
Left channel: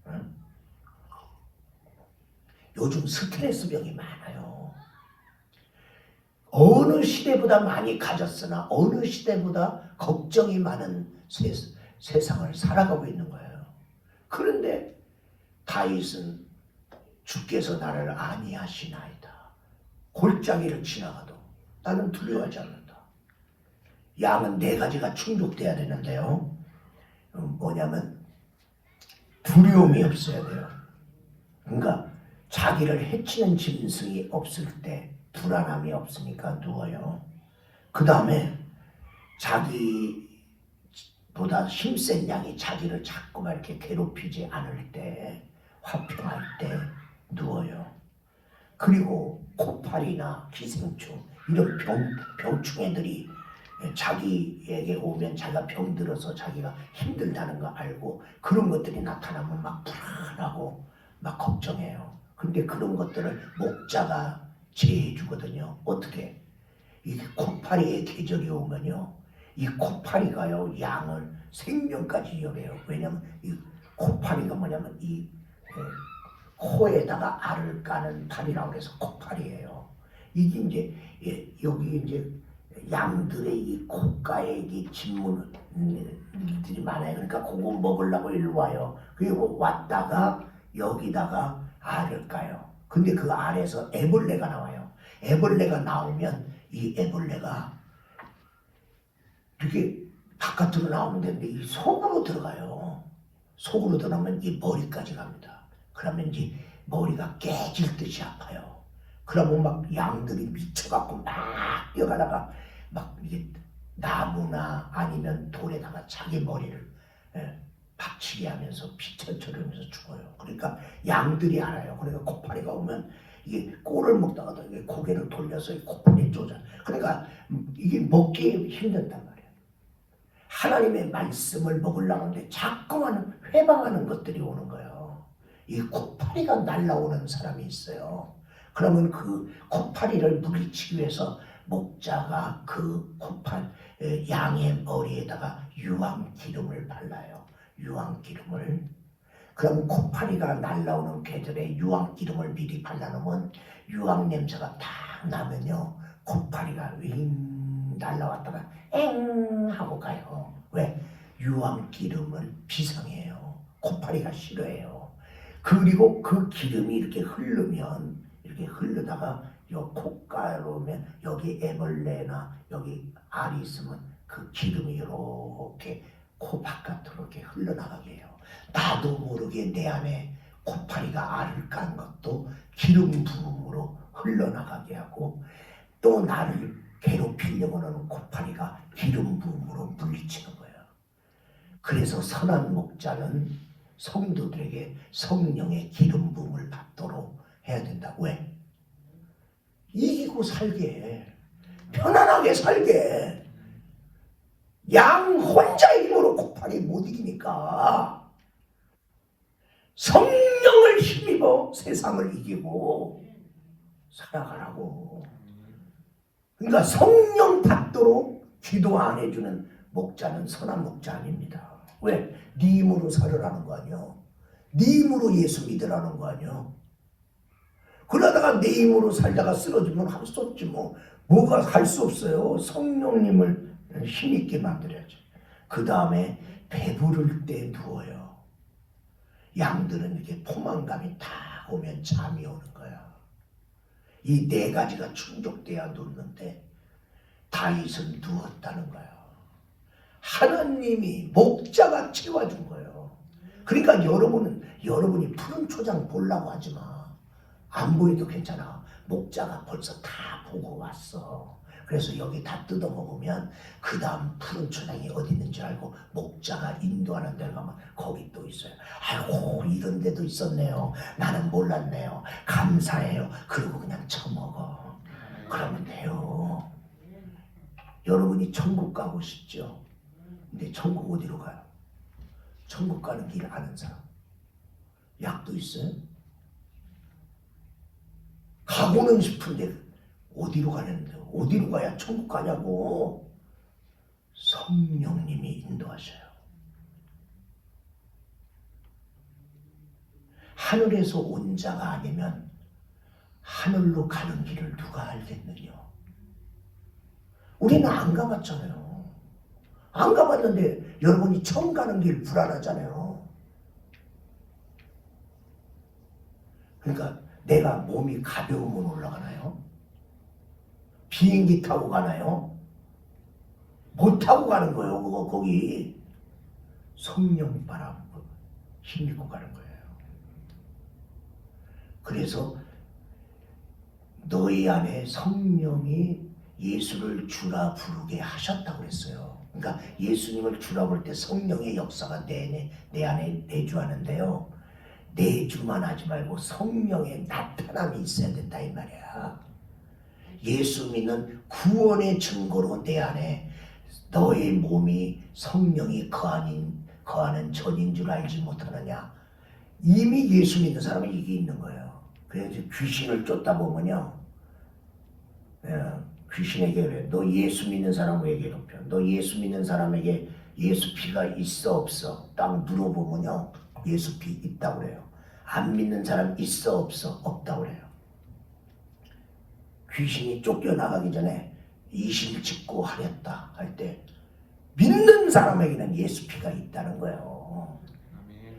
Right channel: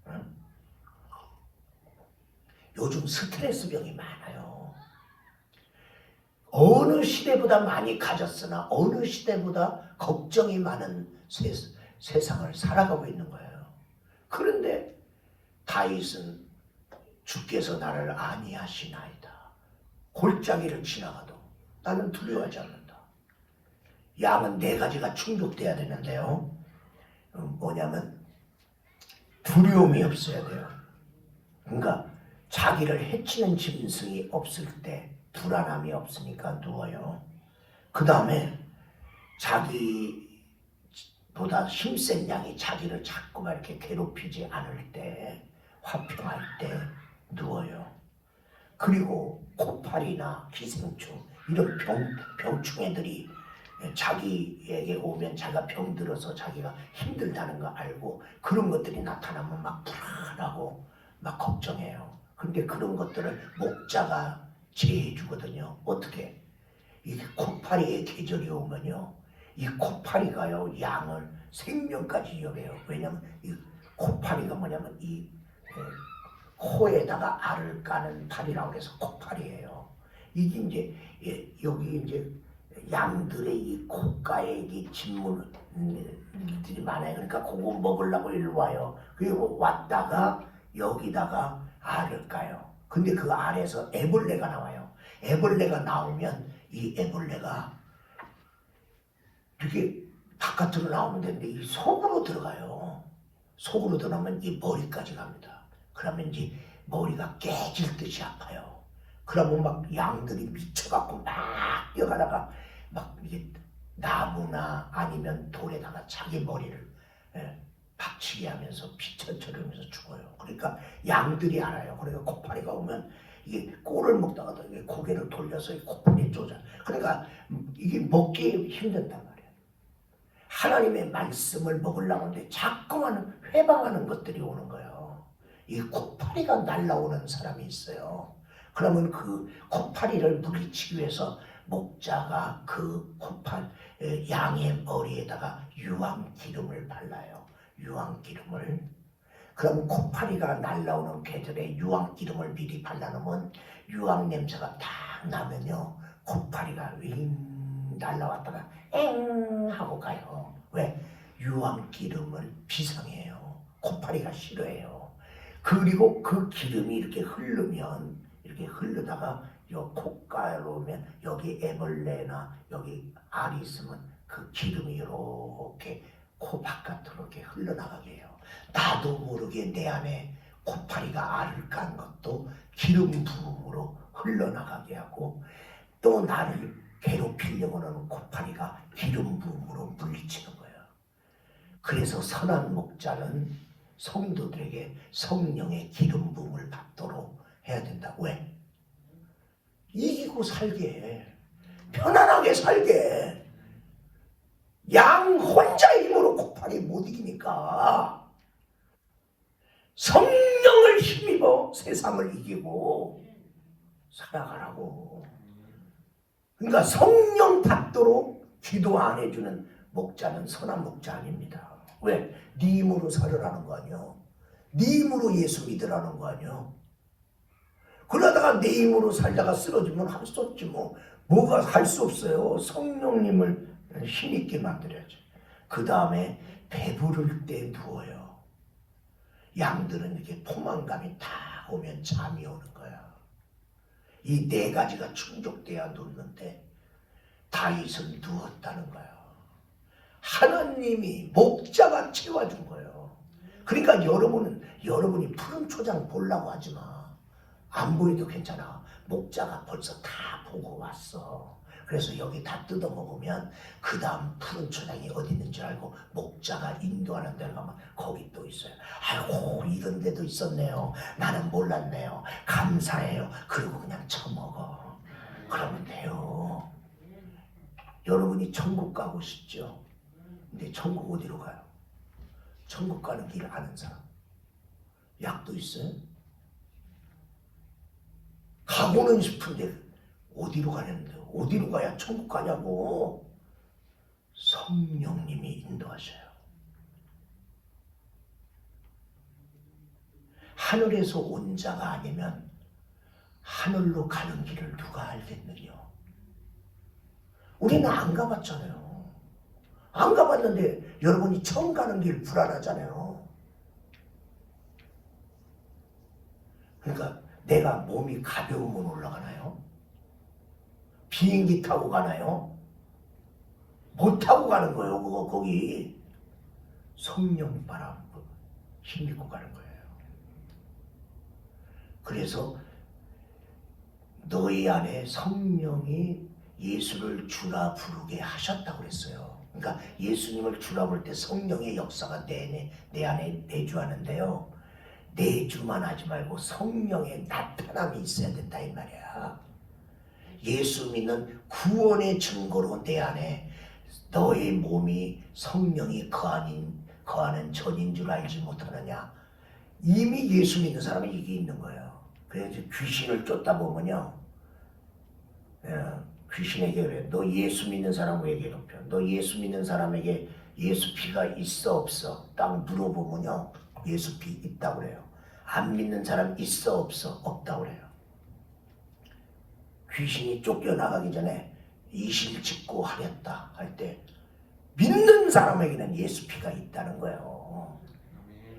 응? 요즘 스트레스 병이 많아요. 어느 시대보다 많이 가졌으나 어느 시대보다 걱정이 많은 세상을 살아가고 있는 거예요. 그런데 다윗은 주께서 나를 아니하시나이다. 골짜기를 지나가도 나는 두려워하지 않는다. 양은 네 가지가 충족돼야 되는데요. 뭐냐면 두려움이 없어야 돼요. 그러니까 자기를 해치는 짐승이 없을 때 불안함이 없으니까 누워요. 그 다음에 자기보다 힘센 양이 자기를 자꾸만 이렇게 괴롭히지 않을 때, 화평할 때 누워요. 그리고 코파리나 기생충 이런 병충해들이 자기에게 오면 자기가 병들어서 자기가 힘들다는 거 알고 그런 것들이 나타나면 막 불안하고 막 걱정해요. 그런데 그런 것들을 목자가 제해 주거든요. 어떻게? 이 코파리의 계절이 오면요, 이 코파리가요 양을 생명까지 이어래요. 왜냐하면 이 코파리가 뭐냐면 이 코에다가 알을 까는 파리라고 해서 코파리예요. 이게 이제 여기 이제 양들의 이 콧가에 이 진물들이 많아요. 그러니까 그거 먹으려고 일로 와요. 그리고 왔다가 여기다가 알을 까요. 근데 그 알에서 애벌레가 나와요. 애벌레가 나오면 이 애벌레가 이렇게 바깥으로 나오면 되는데 이 속으로 들어가요. 속으로 들어가면 이 머리까지 갑니다. 그러면 이제 머리가 깨질 듯이 아파요. 그러면 막 양들이 미쳐갖고 막 뛰어가다가 막 이게 나무나 아니면 돌에다가 자기 머리를 박치게 하면서 피철철 하면서 죽어요. 그러니까 양들이 알아요. 그러니까 코파리가 오면 이게 꼴을 먹다가도 고개를 돌려서 코파리에 쪼자. 그러니까 이게 먹기 힘들단 말이에요. 하나님의 말씀을 먹으려고 하는데 자꾸만 회방하는 것들이 오는 거예요. 이 코파리가 날라오는 사람이 있어요. 그러면 그 코파리를 물리치기 위해서 목자가 그 양의 머리에다가 유황기름을 발라요. 유황기름을. 그럼 코파리가 날라오는 계절에 유황기름을 미리 발라놓으면 유황 냄새가 딱 나면요, 코파리가 윙 날라왔다가 엥 하고 가요. 왜? 유황기름을 비상해요. 코파리가 싫어해요. 그리고 그 기름이 이렇게 흐르면, 이렇게 흐르다가 요 콧가로 오면 여기 애벌레나 여기 알이 있으면 그 기름이 이렇게 코 바깥으로 이렇게 흘러나가게 해요. 나도 모르게 내 안에 코파리가 알을 깐 것도 기름 부음으로 흘러나가게 하고, 또 나를 괴롭히려고 하는 코파리가 기름 부음으로 물리치는 거예요. 그래서 선한 목자는 성도들에게 성령의 기름 부음을 받도록 해야 된다. 왜? 이기고 살게, 편안하게 살게. 양 혼자 힘으로 코파리 못 이기니까 성령을 힘입어 세상을 이기고 살아가라고. 그러니까 성령 받도록 기도 안 해주는 목자는 선한 목자 아닙니다. 왜? 네 힘으로 살으라는 거 아니야. 네 힘으로 예수 믿으라는 거 아니야. 그러다가 내 힘으로 살다가 쓰러지면 할 수 없지 뭐. 뭐가 할 수 없어요. 성령님을 힘있게 만들어야지. 그 다음에 배부를 때 누워요. 양들은 이렇게 포만감이 다 오면 잠이 오는 거야. 이 네 가지가 충족돼야 눕는데 다윗은 누웠다는 거야. 하나님이 목자가 채워준 거예요. 그러니까 여러분이 푸른 초장 보려고 하지 마. 안 보여도 괜찮아. 목자가 벌써 다 보고 왔어. 그래서 여기 다 뜯어 먹으면 그 다음 푸른 초장이 어디 있는 줄 알고 목자가 인도하는 데를 가면 거기 또 있어요. 아이고, 이런 데도 있었네요. 나는 몰랐네요. 감사해요. 그리고 그냥 처먹어. 그러면 돼요. 여러분이 천국 가고 싶죠? 근데 천국 어디로 가요? 천국 가는 길 아는 사람? 약도 있어요? 가고는 싶은데 어디로 가려는데? 어디로 가야 천국 가냐고. 성령님이 인도하셔요. 하늘에서 온 자가 아니면 하늘로 가는 길을 누가 알겠느냐. 우리는 안 가봤잖아요. 안 가봤는데 여러분이 처음 가는 길 불안하잖아요. 그러니까 내가 몸이 가벼우면 올라가나요? 비행기 타고 가나요? 못 타고 가는 거예요. 그거 거기 성령 바람 힘입고 가는 거예요. 그래서 너희 안에 성령이 예수를 주라 부르게 하셨다고 그랬어요. 그러니까 예수님을 주라 부를 때 성령의 역사가 내 안에 내주하는데요. 내주만 하지 말고 성령의 나타남이 있어야 된다 이 말이야. 예수 믿는 구원의 증거로 내 안에 너의 몸이 성령이 거하는 전인 줄 알지 못하느냐. 이미 예수 믿는 사람은 이게 있는 거예요. 그래서 귀신을 쫓다 보면요, 귀신에게 왜 너 예수 믿는 사람 왜 괴롭혀? 너 예수 믿는 사람에게 예수 피가 있어 없어? 딱 물어보면요, 예수 피 있다고 그래요. 안 믿는 사람 있어 없어? 없다고 그래요. 귀신이 쫓겨나가기 전에 이실 짓고 하렸다 할 때 믿는 사람에게는 예수 피가 있다는 거예요.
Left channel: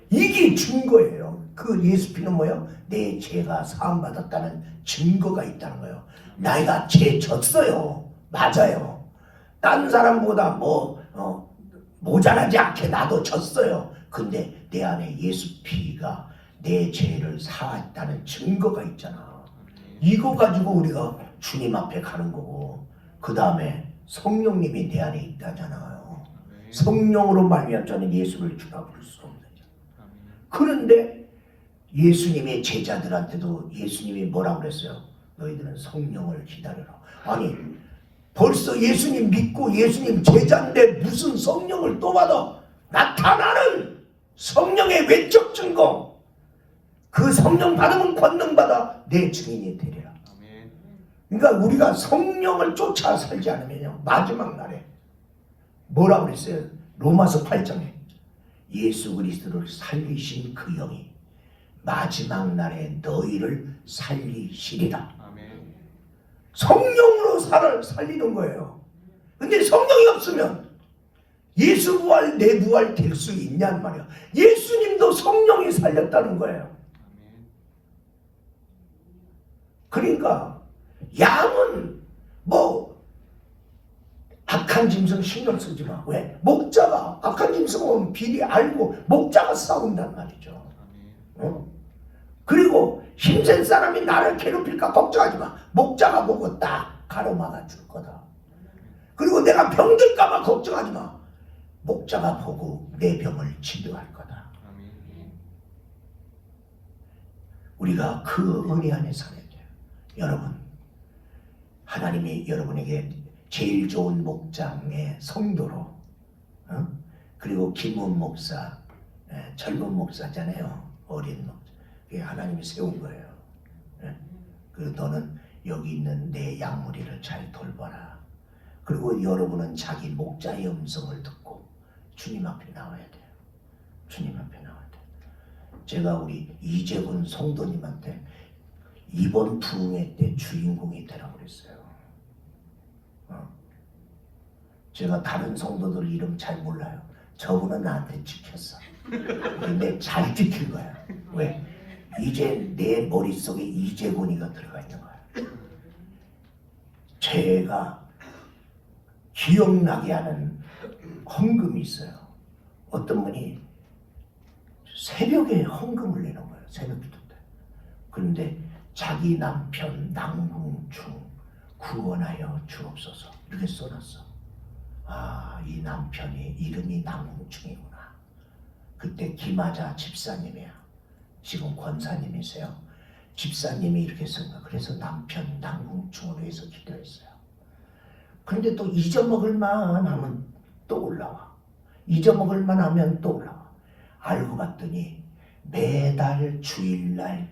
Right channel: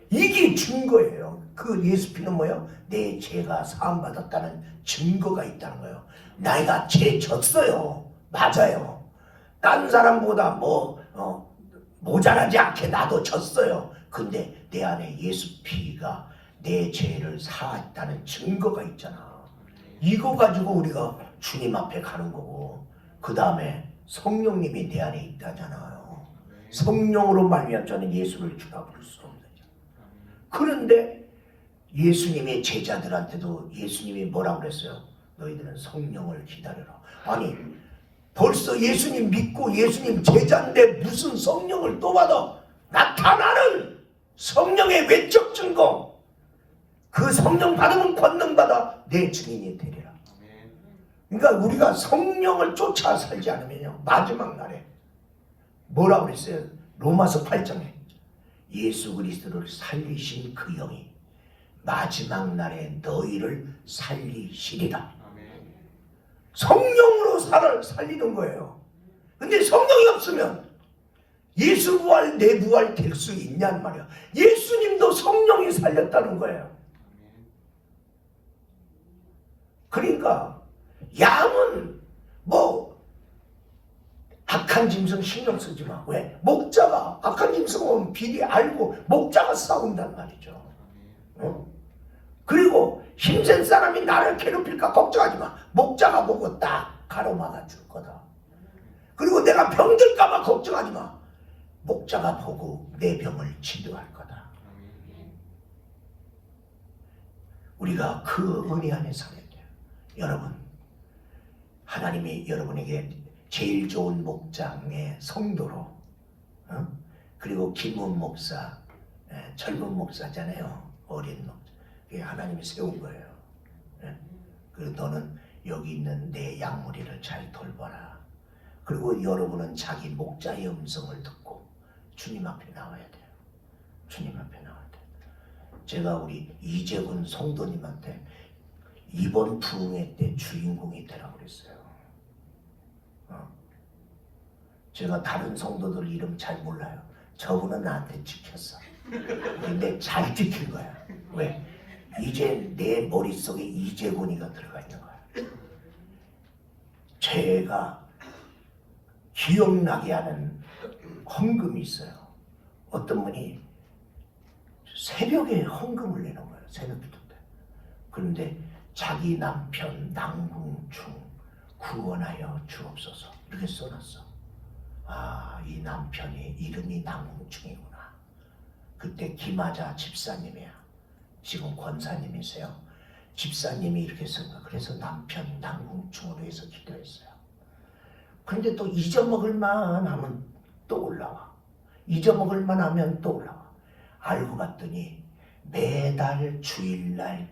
이게 증거예요. 그 예수 피는 뭐예요? 내 죄가 사함받았다는 증거가 있다는 거예요. 내가 죄 졌어요. 맞아요. 딴 사람보다 모자라지 않게 나도 졌어요. 근데 내 안에 예수 피가 내 죄를 사했다는 증거가 있잖아. 이거 가지고 우리가 주님 앞에 가는 거고, 그 다음에 성령님이 내 안에 있다잖아요. 성령으로 말미암아 저는 예수를 주라 부를 수 없느냐. 그런데 예수님의 제자들한테도 예수님이 뭐라고 그랬어요? 너희들은 성령을 기다려라. 아니 벌써 예수님 믿고 예수님 제자인데 무슨 성령을 또 받아? 나타나는 성령의 외적 증거. 그 성령 받으면 권능받아 내 증인이 되리라. 그러니까 우리가 성령을 쫓아 살지 않으면요, 마지막 날에 뭐라고 그랬어요? 로마서 8장에 예수 그리스도를 살리신 그 영이 마지막 날에 너희를 살리시리라. 성령으로 살리는 거예요. 근데 성령이 없으면 예수 부활 내 부활 될 수 있냔 말이야. 예수님도 성령이 살렸다는 거예요. 그러니까 양은 악한 짐승 신경 쓰지 마. 왜? 목자가 악한 짐승 오면 비리 알고 목자가 싸운단 말이죠. 그리고 힘센 사람이 나를 괴롭힐까 걱정하지 마. 목자가 보고 딱 가로막아 줄 거다. 그리고 내가 병들까 봐 걱정하지 마. 목자가 보고 내 병을 치료할 거다. 우리가 그 은혜 안에 살아야 돼요. 여러분, 하나님이 여러분에게 제일 좋은 목장의 성도로, 그리고 김훈 목사, 젊은 목사잖아요. 어린 목사. 그게 하나님이 세운 거예요. 그 너는 여기 있는 내 양무리를 잘 돌봐라. 그리고 여러분은 자기 목자의 음성을 듣고 주님 앞에 나와야 돼요. 주님 앞에 나와야 돼요. 제가 우리 이재훈 성도님한테 이번 부흥회 때 주인공이 되라고 그랬어요. 제가 다른 성도들 이름 잘 몰라요. 저분은 나한테 지켰어. 근데 잘 지킨 거야. 왜? 이제 내 머릿속에 이재곤이가 들어가 있는 거야. 제가 기억나게 하는 헌금이 있어요. 어떤 분이 새벽에 헌금을 내는 거예요. 새벽 기도 때. 그런데 자기 남편 낭궁충 구원하여 주옵소서 이렇게 써놨어. 아, 이 남편이 이름이 낭궁충이구나. 그때 김하자 집사님이야. 지금 권사님이세요. 집사님이 이렇게 쓴 거야. 그래서 남편 낭궁충으로 해서 기도했어요. 그런데 또 잊어먹을 만 하면 또 올라와. 잊어먹을 만 하면 또 올라와. 알고 봤더니 매달 주일날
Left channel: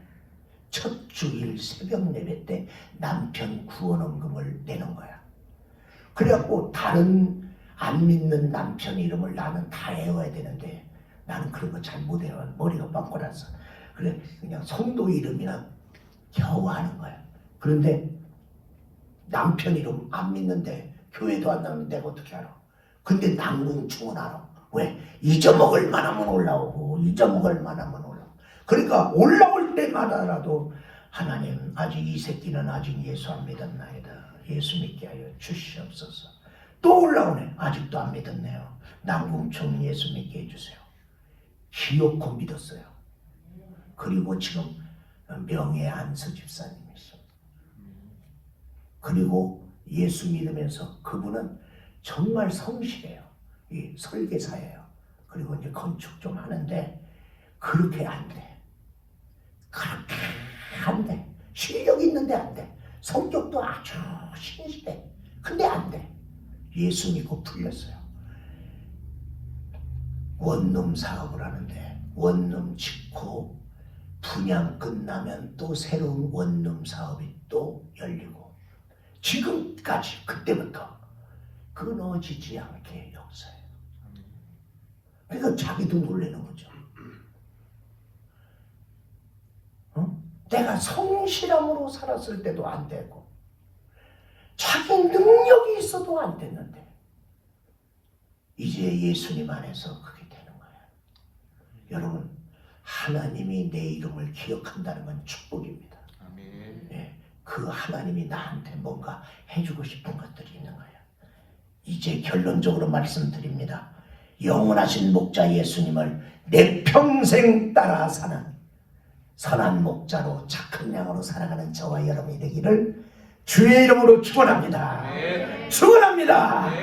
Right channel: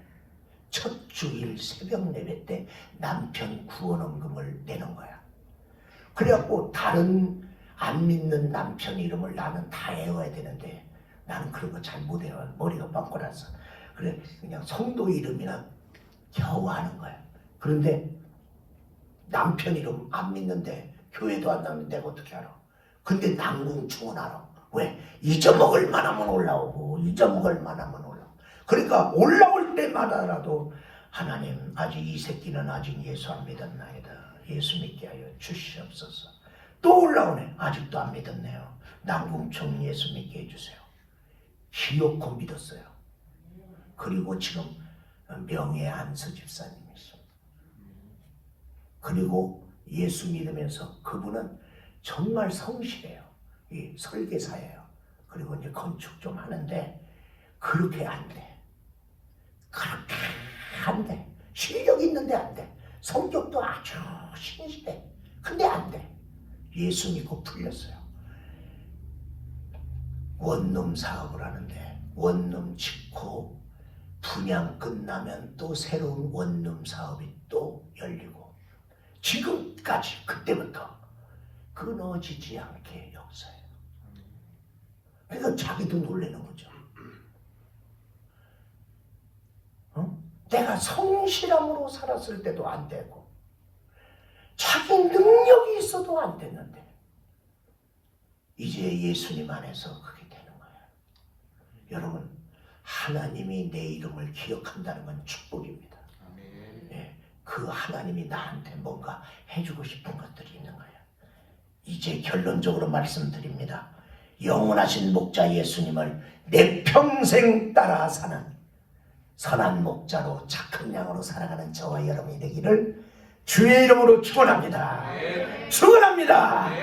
첫 주일 새벽 예배 때 남편 구원헌금을 내는 거야. 그래갖고 다른 안 믿는 남편 이름을 나는 다 외워야 되는데 나는 그런 거 잘 못 외워. 머리가 빵꾸나서. 그래 그냥 성도 이름이나 겨우 하는 거야. 그런데 남편 이름 안 믿는데 교회도 안 나오는데 내가 어떻게 알아? 근데 낭궁충은 알아. 왜? 잊어먹을 만하면 올라오고 잊어먹을 만하면 올라오고. 그러니까 올라올 때마다라도 하나님 아직 이 새끼는 아직 예수 안 믿었나이다. 예수 믿게 하여 주시옵소서. 또 올라오네. 아직도 안 믿었네요. 남궁청 예수 믿게 해주세요. 기어코 믿었어요. 그리고 지금 명예 안수 집사님이십니다. 그리고 예수 믿으면서 그분은 정말 성실해요. 이 설계사예요. 그리고 이제 건축 좀 하는데 그렇게 안 돼. 그렇게 안 돼. 실력 있는데 안 돼. 성격도 아주 신실해. 근데 안 돼. 예수 믿고 풀렸어요. 원룸 사업을 하는데 원룸 짓고 분양 끝나면 또 새로운 원룸 사업이 또 열리고 지금까지 그때부터 끊어지지 않게 역사해요. 그러니까 자기도 놀라는 거죠. 내가 성실함으로 살았을 때도 안 되고 자기 능력이 있어도 안 됐는데 이제 예수님 안에서 그게 되는 거예요. 여러분, 하나님이 내 이름을 기억한다는 건 축복입니다. 네, 그 하나님이 나한테 뭔가 해주고 싶은 것들이 있는 거예요. 이제 결론적으로 말씀드립니다. 영원하신 목자 예수님을 내 평생 따라 사는 선한 목자로 착한 양으로 살아가는 저와 여러분이 되기를 주의 이름으로 축원합니다. 축원합니다.